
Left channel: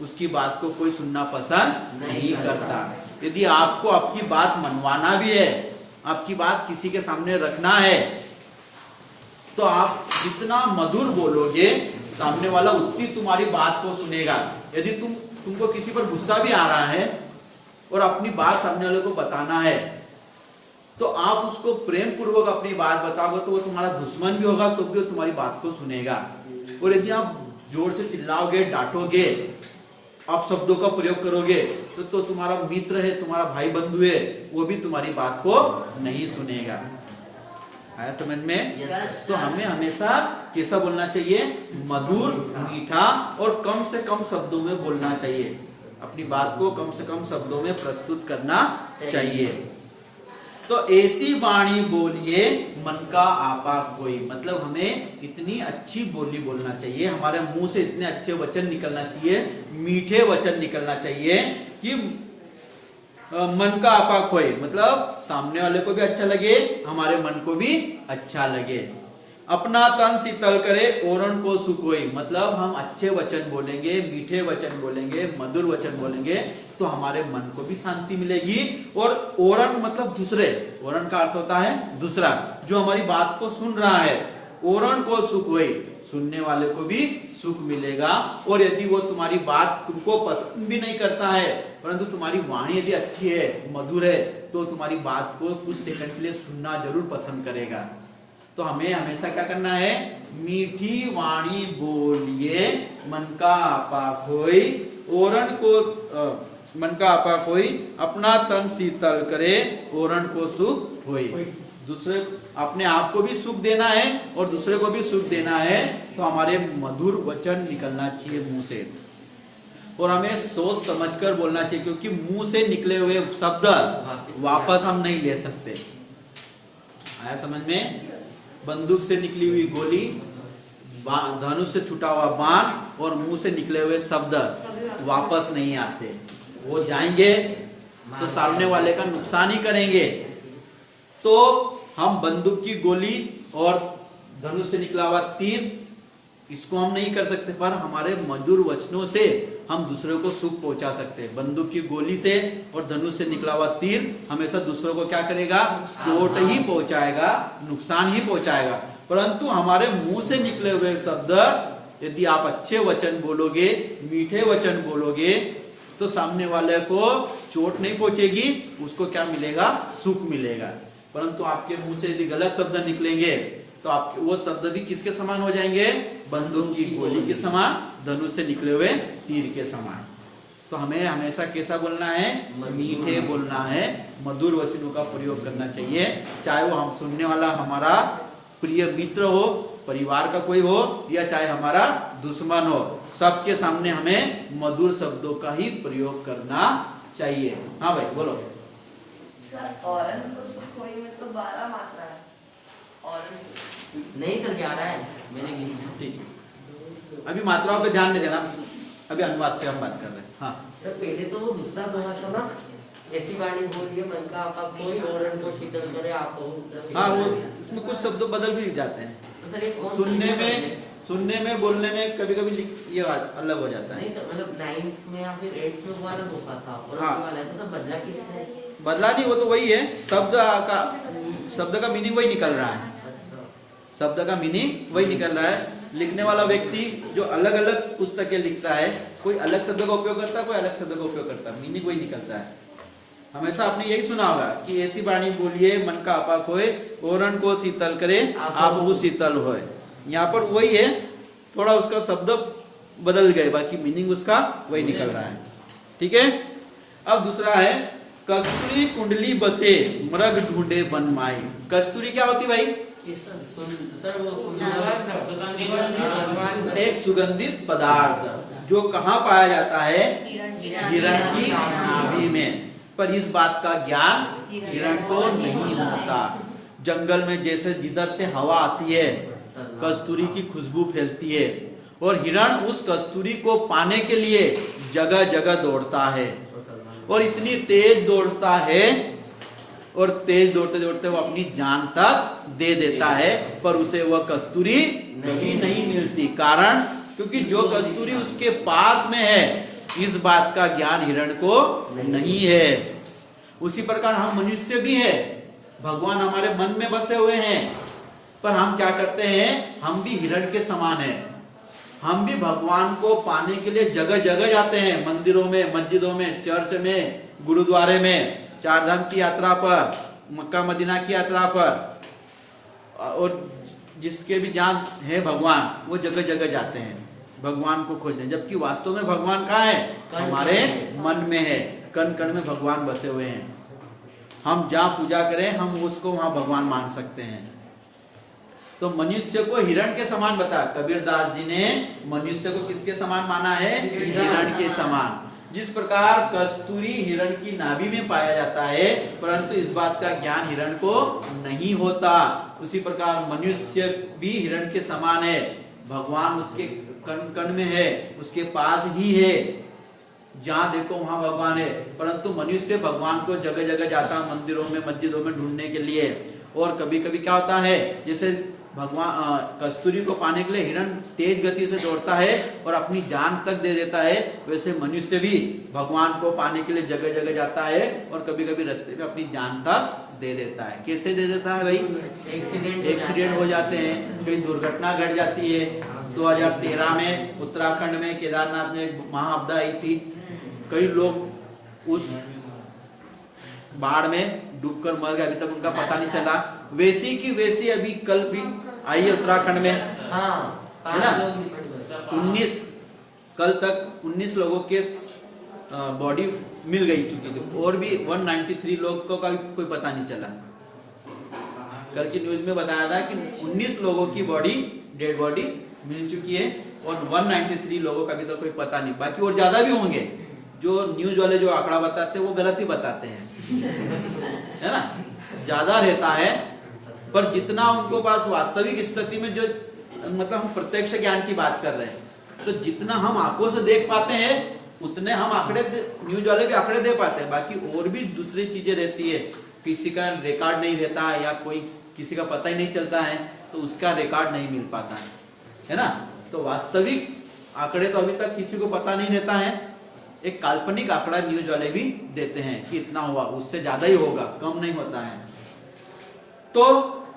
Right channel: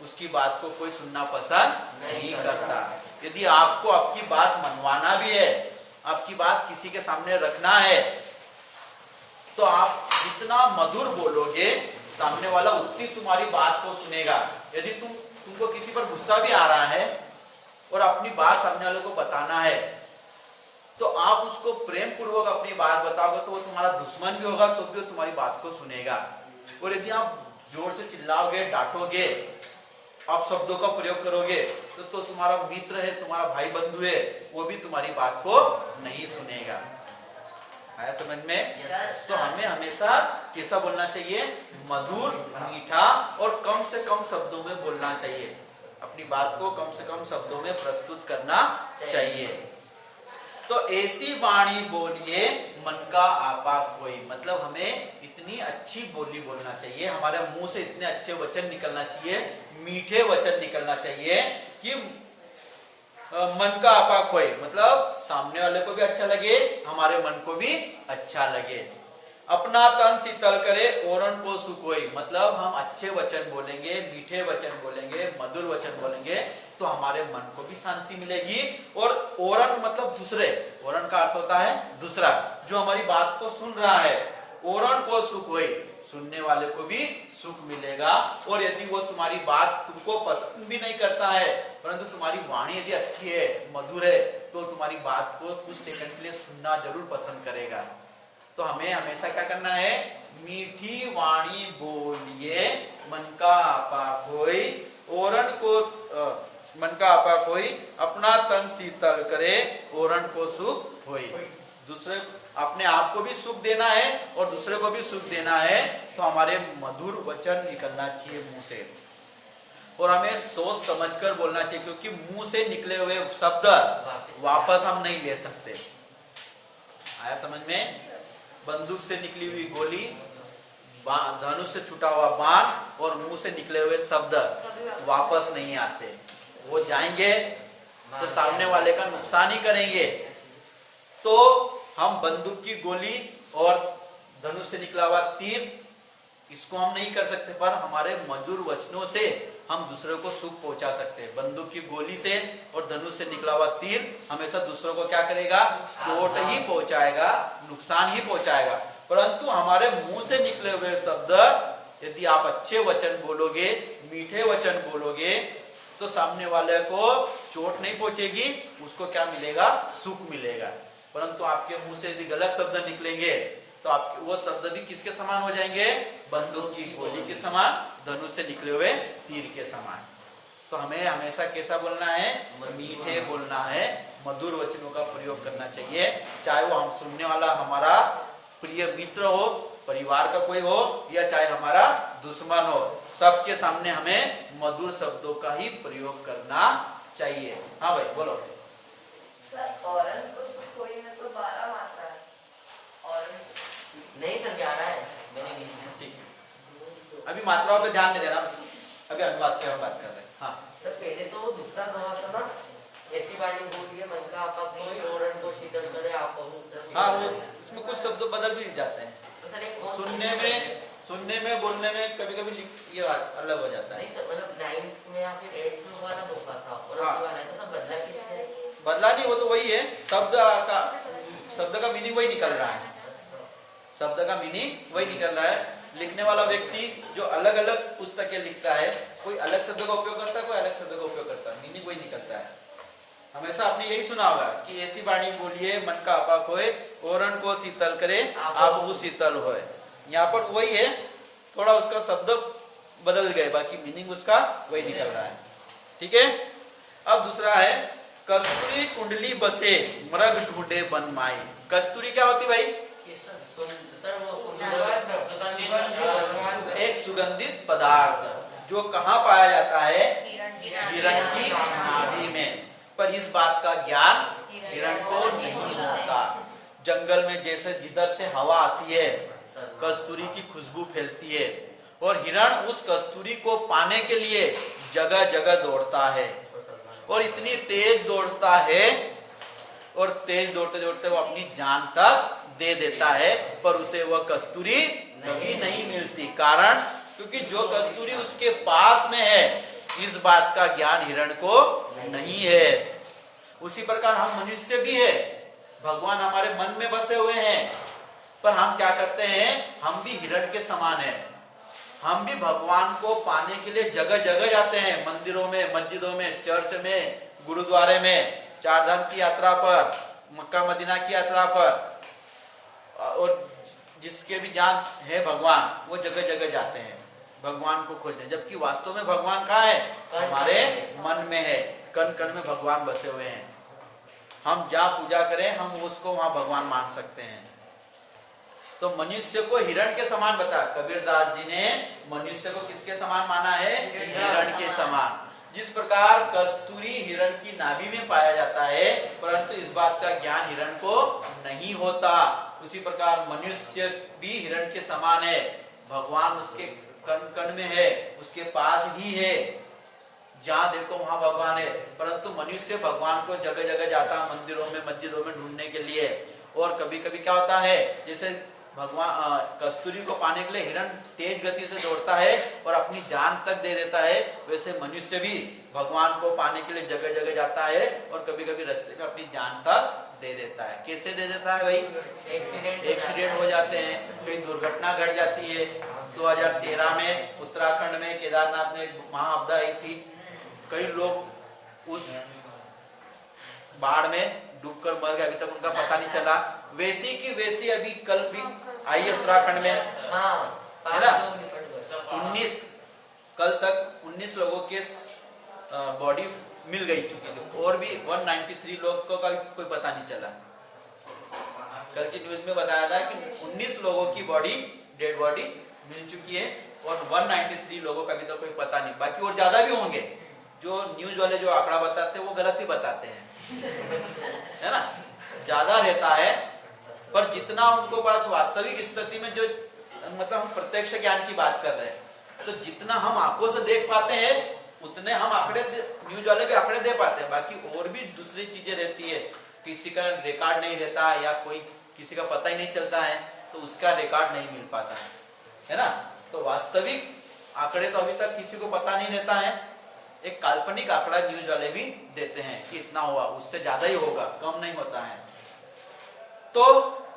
उसकी बात को कोई सुनना पसंद नहीं करता। यदि आपको आपकी बात मनवाना भी है, आपकी बात किसी के सामने रखना है, तो आप जितना मधुर बोलोगे सामने वाला उतनी तुम्हारी बात को सुनेगा। यदि तुमको किसी पर गुस्सा भी आ रहा है और अपनी बात सामने वाले को बताना है, तो आप उसको प्रेम पूर्वक अपनी बात बताओगे, तो वो तुम्हारा दुश्मन भी होगा तो भी वो तुम्हारी बात को सुनेगा। और यदि आप जोर से चिल्लाओगे, डांटोगे, आप शब्दों का प्रयोग करोगे, तो तुम्हारा मित्र है, तुम्हारा भाई बंधु है, वो भी तुम्हारी बात को नहीं सुनेगा। आया समझ में? तो हमें हमेशा कैसा बोलना चाहिए? मधुर, मीठा और कम से कम शब्दों में बोलना चाहिए। अपनी बात को कम से कम शब्दों में प्रस्तुत करना चाहिए। तो ऐसी वाणी बोलिए मन का आपा कोई, मतलब हमें इतनी अच्छी बोली बोलना चाहिए, हमारे मुंह से इतने अच्छे वचन निकलना चाहिए, मीठे वचन निकलना चाहिए कि मन का आपा खोए, मतलब सामने वाले को भी अच्छा लगे, हमारे मन को भी अच्छा लगे। अपना तन शीतल करे औरन को सुख होई, मतलब हम अच्छे वचन बोलेंगे, मीठे वचन बोलेंगे, मधुर वचन बोलेंगे, तो हमारे मन को भी शांति मिलेगी। और औरन मतलब दूसरे, औरन का अर्थ होता है दूसरा, जो हमारी बात को सुन रहा है, औरन को सुख होई, सुनने वाले को भी सुख मिलेगा। और यदि वो तुम्हारी बात तुमको पसंद भी नहीं करता है, परंतु तुम्हारी वाणी यदि अच्छी है, मधुर है, तो तुम्हारी बात को कुछ सेकंड के लिए सुनना जरूर पसंद करेगा। तो हमें हमेशा क्या करना है? मीठी वाणी बोलिए मन का आपा खोई, औरन को मन का आपा खोई, अपना तन शीतल करे औरन को सुख होई। दूसरे अपने आप को भी सुख देना है और दूसरे को भी सुख देना है, तो हमारे मधुर वचन निकलना चाहिए मुंह से, और हमें सोच समझकर बोलना चाहिए, क्योंकि मुंह से निकले हुए शब्द वापस हम नहीं ले सकते। आया समझ में? बंदूक से निकली हुई गोली, धनुष से छुटा हुआ बाण और मुंह से निकले हुए शब्द वापस नहीं आते, वो जाएंगे तो सामने वाले का नुकसान ही करेंगे। तो हम बंदूक की गोली और धनुष से निकला हुआ तीर, इसको हम नहीं कर सकते, पर हमारे मधुर वचनों से हम दूसरे को सुख पहुंचा सकते हैं। बंदूक की गोली से और धनुष से निकला हुआ तीर हमेशा दूसरों को क्या करेगा? चोट ही पहुंचाएगा, नुकसान ही पहुंचाएगा। परंतु हमारे मुंह से निकले हुए शब्द, यदि आप अच्छे वचन बोलोगे, मीठे वचन बोलोगे, तो सामने वाले को चोट नहीं पहुंचेगी, उसको क्या मिलेगा? सुख मिलेगा। परंतु आपके मुंह से यदि गलत शब्द निकलेंगे, तो आपके वो शब्द भी किसके समान हो जाएंगे? बंदूक की गोली के समान, धनुष से निकले हुए तीर के समान। तो हमें हमेशा कैसा बोलना है? मीठे बोलना है, मधुर वचनों का प्रयोग करना चाहिए, चाहे वो हम सुनने वाला हमारा प्रिय मित्र हो, परिवार का कोई हो, या चाहे हमारा दुश्मन हो, सबके सामने हमें मधुर शब्दों का ही प्रयोग करना चाहिए। हाँ भाई बोलो। सर औरन को सुख होई में तो 12 मात्रा है, औरन नहीं सर जा रहा है, मैंने भी ठीक है, अभी मात्राओं पे ध्यान नहीं देना, अभी अनुवाद पे हम बात कर रहे हैं। हाँ सर पहले तो वो दूसरा दोहा था ना, ऐसी वाणी बोलिए मन का आपा कोई औरन को शीतल करे आप। हाँ, वो उसमें कुछ शब्द बदल भी जाते हैं, तो सर एक सुनने में बोलने में कभी कभी ये बात अलग हो जाता है। नहीं सर, मतलब 9th में या फिर 8th में वाला धोखा था और हाँ। वाला है, तो सब बदला किसने? बदला नहीं, वो तो वही है, शब्द का मीनिंग वही निकल रहा है, शब्द का मीनिंग वही निकल रहा है। लिखने वाला व्यक्ति जो अलग अलग पुस्तकें लिखता है, कोई अलग शब्द का उपयोग करता है, कोई अलग शब्द का उपयोग करता है, मीनिंग वही निकलता है। हमेशा आपने यही सुना होगा कि ऐसी वाणी बोलिए मन का अपाक होए, ओरण को शीतल करे आपहु शीतल होए। यहाँ पर वही है, थोड़ा उसका शब्द बदल गए, बाकी मीनिंग उसका वही निकल रहा है। ठीक है। अब दूसरा है कस्तूरी कुंडली बसे मृग ढूंढे वन माई। कस्तूरी क्या होती भाई? एक सुगंधित पदार्थ जो कहाँ पाया जाता है? हिरण की नाभि में। पर इस बात का ज्ञान हिरण को नहीं होता। जंगल में जैसे जिधर से हवा आती है कस्तूरी की खुशबू फैलती है, और हिरण उस कस्तूरी को पाने के लिए जगह जगह दौड़ता है, और इतनी तेज दौड़ता है, और तेज दौड़ते दौड़ते वो अपनी जान तक दे देता है, पर उसे वह कस्तूरी कभी नहीं मिलती। कारण क्योंकि जो कस्तूरी उसके पास में है, इस बात का ज्ञान हिरण को नहीं है। उसी प्रकार हम मनुष्य भी है, भगवान हमारे मन में बसे हुए हैं, पर हम क्या करते हैं? हम भी हिरण के समान हैं। हम भी भगवान को पाने के लिए जगह जगह जाते हैं, मंदिरों में, मस्जिदों में, चर्च में, गुरुद्वारे में, चार धाम की यात्रा पर, मक्का मदीना की यात्रा पर, और जिसके भी जान है भगवान, वो जगह जगह जाते हैं भगवान को खोजने। जबकि वास्तव में भगवान कहाँ है? हमारे मन में है, कण कण में भगवान बसे हुए हैं। हम जहाँ पूजा करें, हम उसको वहां भगवान मान सकते हैं। तो मनुष्य को हिरण के समान बता, कबीरदास जी ने मनुष्य को किसके समान माना है? हिरण के समान। जिस प्रकार कस्तूरी हिरण की नाभि में पाया जाता है, परंतु इस बात का ज्ञान हिरण को नहीं होता, उसी प्रकार मनुष्य भी हिरण के समान है। भगवान उसके कण कण में है, उसके पास ही है, जहां देखो वहां भगवान है, परंतु मनुष्य भगवान को जगह जगह जाता है, मंदिरों में, मस्जिदों में ढूंढने के लिए। और कभी कभी क्या होता है, जैसे भगवान कस्तूरी को पाने के लिए हिरण तेज गति से दौड़ता है और अपनी जान तक दे देता है, वैसे मनुष्य भी भगवान को पाने के लिए जगह जगह जाता है, और कभी कभी रास्ते में अपनी जान तक दे देता है। कैसे दे देता है भाई? एक्सीडेंट हो जाते हैं, कहीं दुर्घटना घट जाती है। 2013 में उत्तराखंड में केदारनाथ में एक महाआपदा आई थी, कई लोग उस बाढ़ में डूबकर मर गए, अभी तक उनका पता नहीं चला। वैसी की वैसी अभी कल भी आई है उत्तराखंड में, है ना? 19 कल तक 19 लोगों के बॉडी मिल गई चुकी थी, और भी 193 लोग को का कोई पता नहीं चला। कल की न्यूज में बताया था कि 19 लोगों की बॉडी, डेड बॉडी मिल चुकी है, और 193 लोगों का भी तो कोई पता नहीं। बाकी और ज्यादा भी होंगे। जो न्यूज वाले जो आंकड़ा बताते हैं वो गलत ही बताते हैं, है ना? ज्यादा रहता है, पर जितना उनको पास वास्तविक स्थिति में जो, मतलब हम प्रत्यक्ष ज्ञान की बात कर रहे हैं, तो जितना हम आंखों से देख पाते हैं उतने हम आंकड़े, न्यूज वाले भी आंकड़े दे पाते हैं। बाकी और भी दूसरी चीजें रहती है, किसी का रिकॉर्ड नहीं रहता है, या कोई किसी का पता ही नहीं चलता है, तो उसका रिकॉर्ड नहीं मिल पाता है ना? तो वास्तविक आंकड़े तो अभी तक किसी को पता नहीं रहता है। एक काल्पनिक आंकड़ा न्यूज वाले भी देते हैं कि इतना हुआ, उससे ज्यादा ही होगा, कम नहीं होता है। तो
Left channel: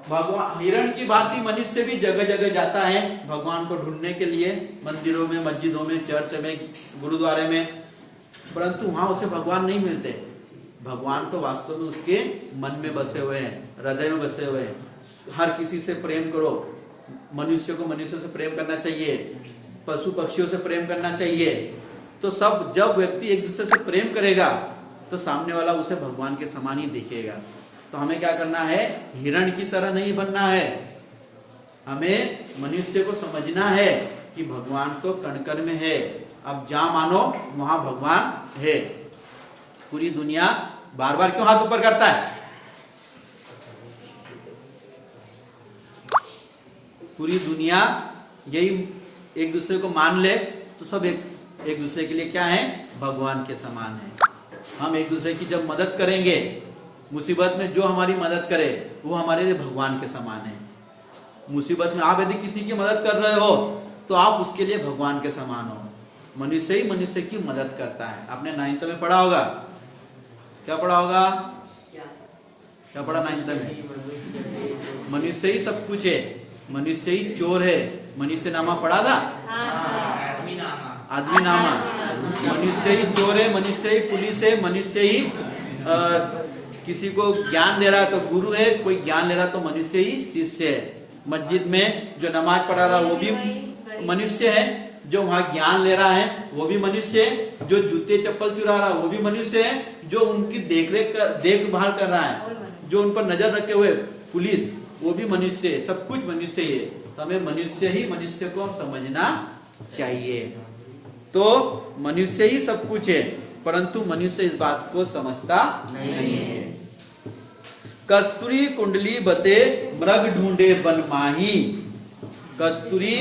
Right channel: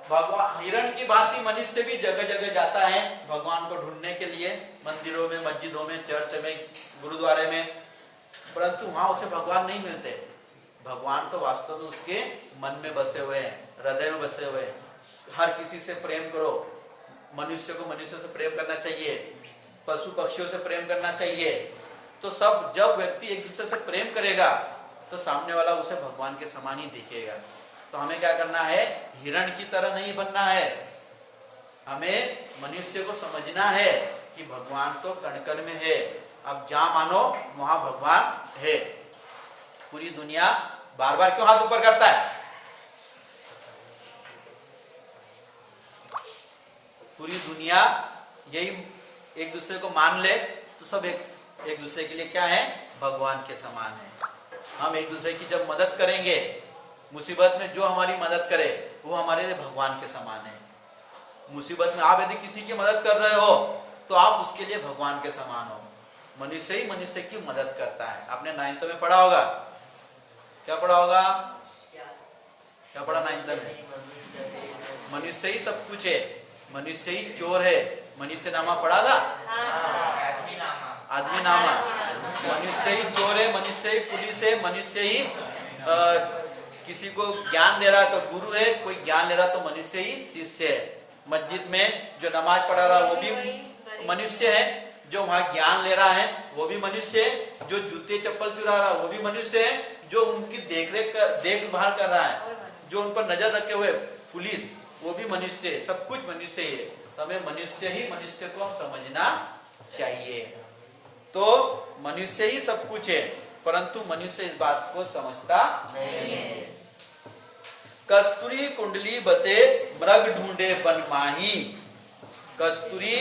भगवान हिरण की भांति मनुष्य भी जगह जगह जाता है भगवान को ढूंढने के लिए, मंदिरों में, मस्जिदों में, चर्च में, गुरुद्वारे में, परंतु वहां उसे भगवान नहीं मिलते। भगवान तो वास्तव में उसके मन में बसे हुए हैं, हृदय में बसे हुए हैं। हर किसी से प्रेम करो, मनुष्य को मनुष्य से प्रेम करना चाहिए, पशु पक्षियों से प्रेम करना चाहिए। तो सब, जब व्यक्ति एक दूसरे से प्रेम करेगा तो सामने वाला उसे भगवान के समान ही देखेगा। तो हमें क्या करना है? हिरण की तरह नहीं बनना है। हमें मनुष्य को समझना है कि भगवान तो कण कण में है, अब जहां मानो वहां भगवान है। पूरी दुनिया बार बार क्यों हाथ ऊपर करता है? पूरी दुनिया यही एक दूसरे को मान ले तो सब एक दूसरे के लिए क्या है? भगवान के समान है। हम एक दूसरे की जब मदद करेंगे, मुसीबत में जो हमारी मदद करे वो हमारे लिए भगवान के समान है। मुसीबत में आप यदि किसी की मदद कर रहे हो तो आप उसके लिए भगवान के समान हो। मनुष्य ही मनुष्य की मदद करता है। आपने 9th में पढ़ा होगा क्या पढ़ा होगा? क्या? क्या पढ़ा 9th में? मनुष्य ही सब कुछ है, मनुष्य ही चोर है। मनुष्य नामा पढ़ा था? हाँ सर। आदमी नामा। मनुष्य ही चोर है, मनुष्य ही पुलिस है, मनुष्य ही किसी को ज्ञान दे रहा है तो गुरु है, कोई ज्ञान ले रहा तो मनुष्य ही शिष्य है। मस्जिद में जो नमाज पढ़ा रहा वो भी मनुष्य है, जो वहां ज्ञान ले रहा है वो भी मनुष्य है, जो जूते चप्पल चुरा रहा है वो भी मनुष्य है, जो उनकी देखभाल कर रहा है, जो उन पर नजर रखे हुए पुलिस, वो भी मनुष्य है। सब कुछ मनुष्य ही है। तो हमें मनुष्य ही मनुष्य को हम समझना चाहिए। तो मनुष्य ही सब कुछ है, परंतु मनुष्य इस बात को समझता नहीं है। कस्तूरी कुंडली बसे मृग ढूंढे बन माही। कस्तूरी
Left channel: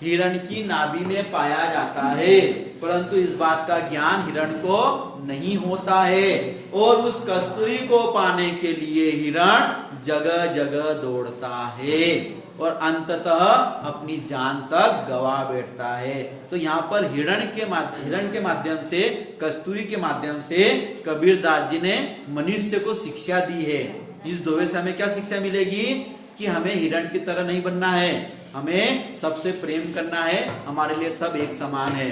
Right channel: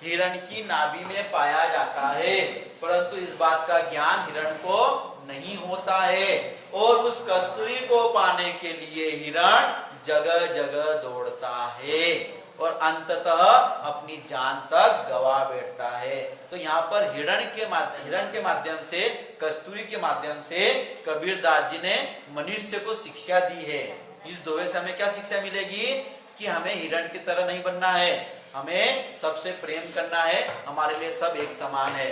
हिरण की नाभि में पाया जाता है, परंतु इस बात का ज्ञान हिरण को नहीं होता है, और उस कस्तूरी को पाने के लिए हिरण जगह जगह दौड़ता है और अंततः अपनी जान तक गवा बैठता है। तो यहाँ पर हिरण के माध्यम से, कस्तूरी के माध्यम से कबीरदास जी ने मनुष्य को शिक्षा दी है। इस दोहे से हमें क्या शिक्षा मिलेगी? कि हमें हिरण की तरह नहीं बनना है, हमें सबसे प्रेम करना है, हमारे लिए सब एक समान है।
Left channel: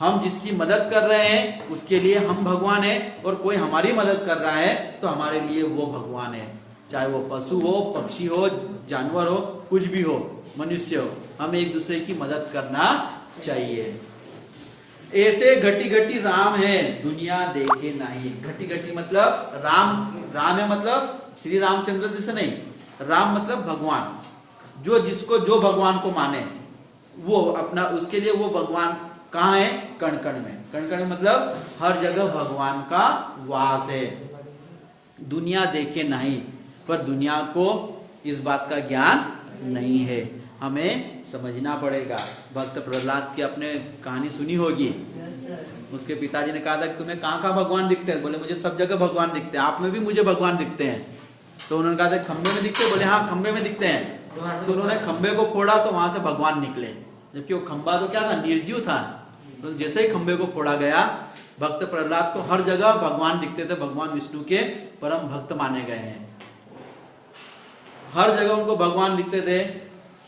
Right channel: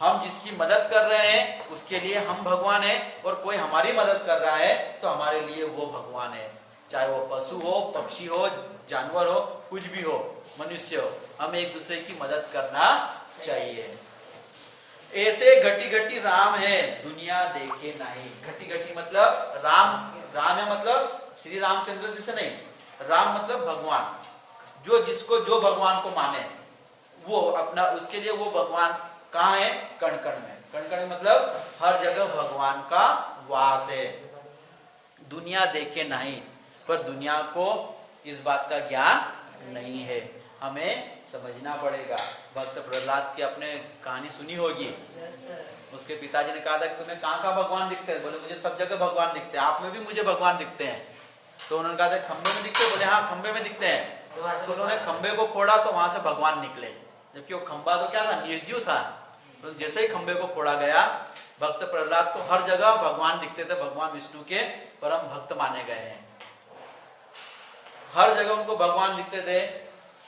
हम जिसकी मदद कर रहे हैं उसके लिए हम भगवान हैं, और कोई हमारी मदद कर रहा है तो हमारे लिए वो भगवान है। चाहे वो पशु हो, पक्षी हो, जानवर हो, कुछ भी हो, मनुष्य हो, हमें एक दूसरे की मदद करना चाहिए। ऐसे घटी घटी राम है दुनिया देखे नहीं। घटी घटी मतलब राम है, मतलब श्री रामचंद्र जी से नहीं, राम मतलब भगवान। जिसको जो भगवान को माने वो अपना, उसके लिए वो भगवान कहाँ है? कण कण में। कण कण मतलब हर जगह भगवान का वास है। दुनिया देखे नहीं, पर दुनिया को इस बात का ज्ञान नहीं है, हमें समझना पड़ेगा। भक्त प्रहलाद की आपने कहानी सुनी होगी। उसके पिताजी ने कहा था कि तुम्हें कहाँ कहाँ भगवान दिखते हैं? बोले मुझे सब जगह भगवान दिखते हैं, आप में भी मुझे भगवान दिखते हैं। तो उन्होंने कहा था खंबे में दिखते हैं? बोले हाँ खंबे में दिखते हैं। तो उन्होंने खंबे को फोड़ा तो वहां से भगवान निकले, जबकि वो खंबा तो क्या था? निर्जीव था। तो जैसे ही खंबे को फोड़ा गया, भक्त प्रहलाद को हर जगह भगवान दिखते थे। भगवान विष्णु के परम भक्त माने गए हैं, हर जगह उनको भगवान दिखते थे।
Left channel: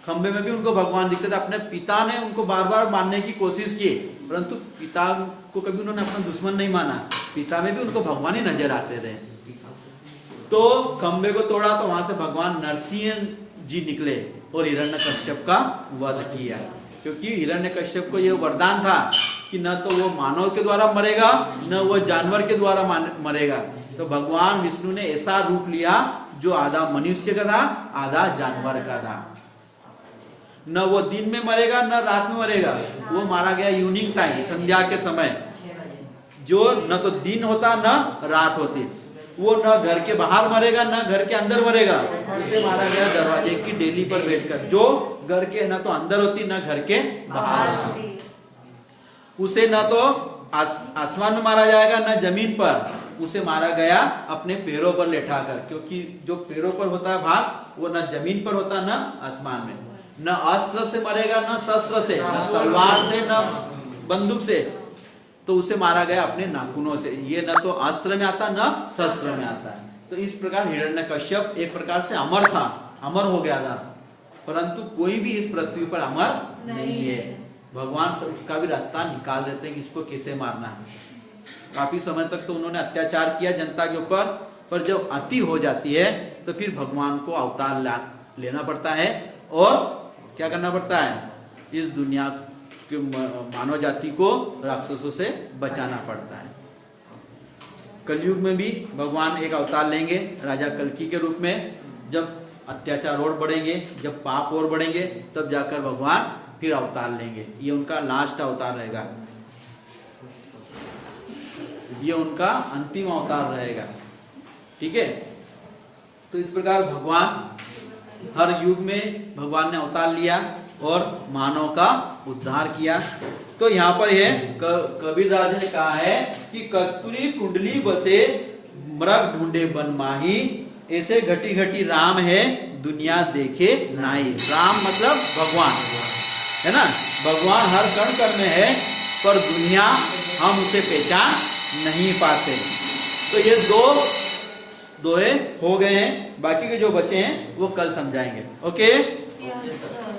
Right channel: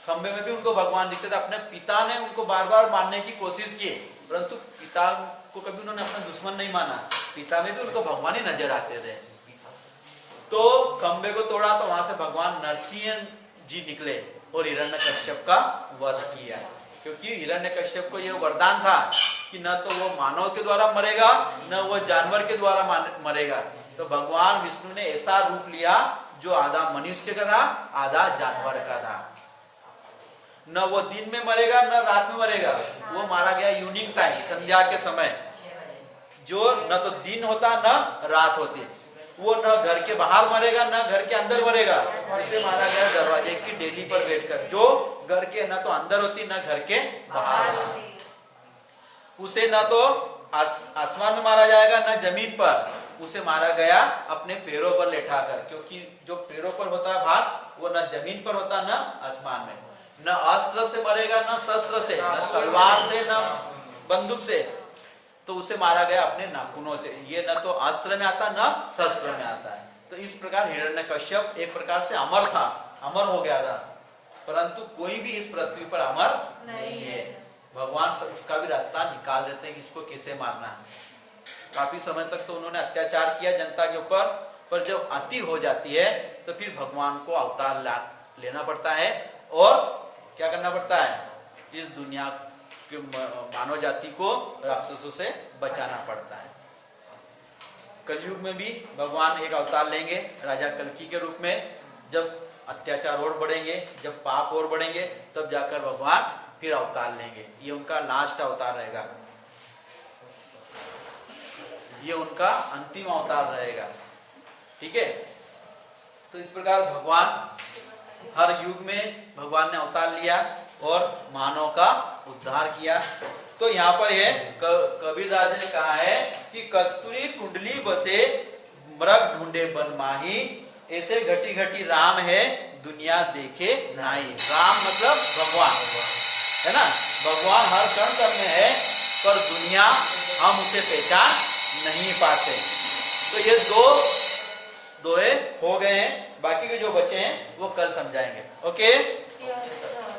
खंबे में भी उनको भगवान दिखते थे। अपने पिता ने उनको बार बार मानने की कोशिश की, परंतु पिता को कभी उन्होंने अपना दुश्मन नहीं माना। पिता में भी उनको भगवान ही नजर आते थे। तो खंबे को तोड़ा तो वहां से भगवान नरसिंह जी निकले और हिरण्यकश्यप का वध किया, क्योंकि हिरण्यकश्यप को यह वरदान था कि न तो वो मानव के द्वारा मरेगा, न वो जानवर के द्वारा मरेगा। तो भगवान विष्णु ने ऐसा रूप लिया जो आधा मनुष्य का था, आधा जानवर का था। न वो दिन में मरेगा न रात में मरेगा, वो मारा गया इवनिंग टाइम, संध्या के समय, जो न तो दिन होता न रात होती। वो न घर के बाहर मरेगा न घर के अंदर मरेगा, उसे मारा गया दरवाजे की डेली पर बैठकर, जो घर के न तो अंदर होती न घर के बाहर होती। उसे न तो आसमान में मारा जाएगा न जमीन पर, उसे मारा गया अपने पैरों पर लेटाकर, क्योंकि जो पैरों पर होता है भाग वो न जमीन पर होता न आसमान में। न अस्त्र से मरेगा न शस्त्र से, न तलवार से न बंदूक से, तो उसे मारा गया अपने नाखूनों से। ये न तो अस्त्र में आता न शस्त्र में आता है। तो इस प्रकार हिरण्यकश्यप एक प्रकार से अमर था, अमर हो गया था, परंतु कोई भी इस पृथ्वी पर अमर नहीं है। भगवान उसका भी रास्ता निकाल देते हैं कि इसको कैसे मारना है। काफी समय तक तो उन्होंने अत्याचार किया जनता के ऊपर, पर जब अति हो जाती है तो फिर भगवान को अवतार लेना पड़ता है और क्या करना पड़ता है? इस दुनिया कि मानव जाति को राक्षसों से बचाना पड़ता है। कलयुग में भी भगवान एक अवतार लेंगे राजा कल्की के रूप में। जब अत्याचार और बढ़ेंगे, जब पाप और बढ़ेंगे, तब जाकर भगवान फिर अवतार लेंगे। ये उनका लास्ट अवतार रहेगा, ये उनका अंतिम अवतार रहेगा। ठीक है, तो इस प्रकार भगवान हर युग में भगवान ने अवतार लिया और मानव का उद्धार किया। तो यहाँ पर ये कबीरदास जी ने कहा है कि कस्तूरी कुंडली बसे मृग ढूंढे बन माही, ऐसे घटी घटी राम है दुनिया देखे नाई। राम मतलब भगवान है ना, भगवान हर कण कण में है, पर दुनिया हम उसे पहचान नहीं पाते। तो ये दो दोहे हो गए हैं, बाकी के जो बचे हैं वो कल समझाएंगे। Okay Yes, sir.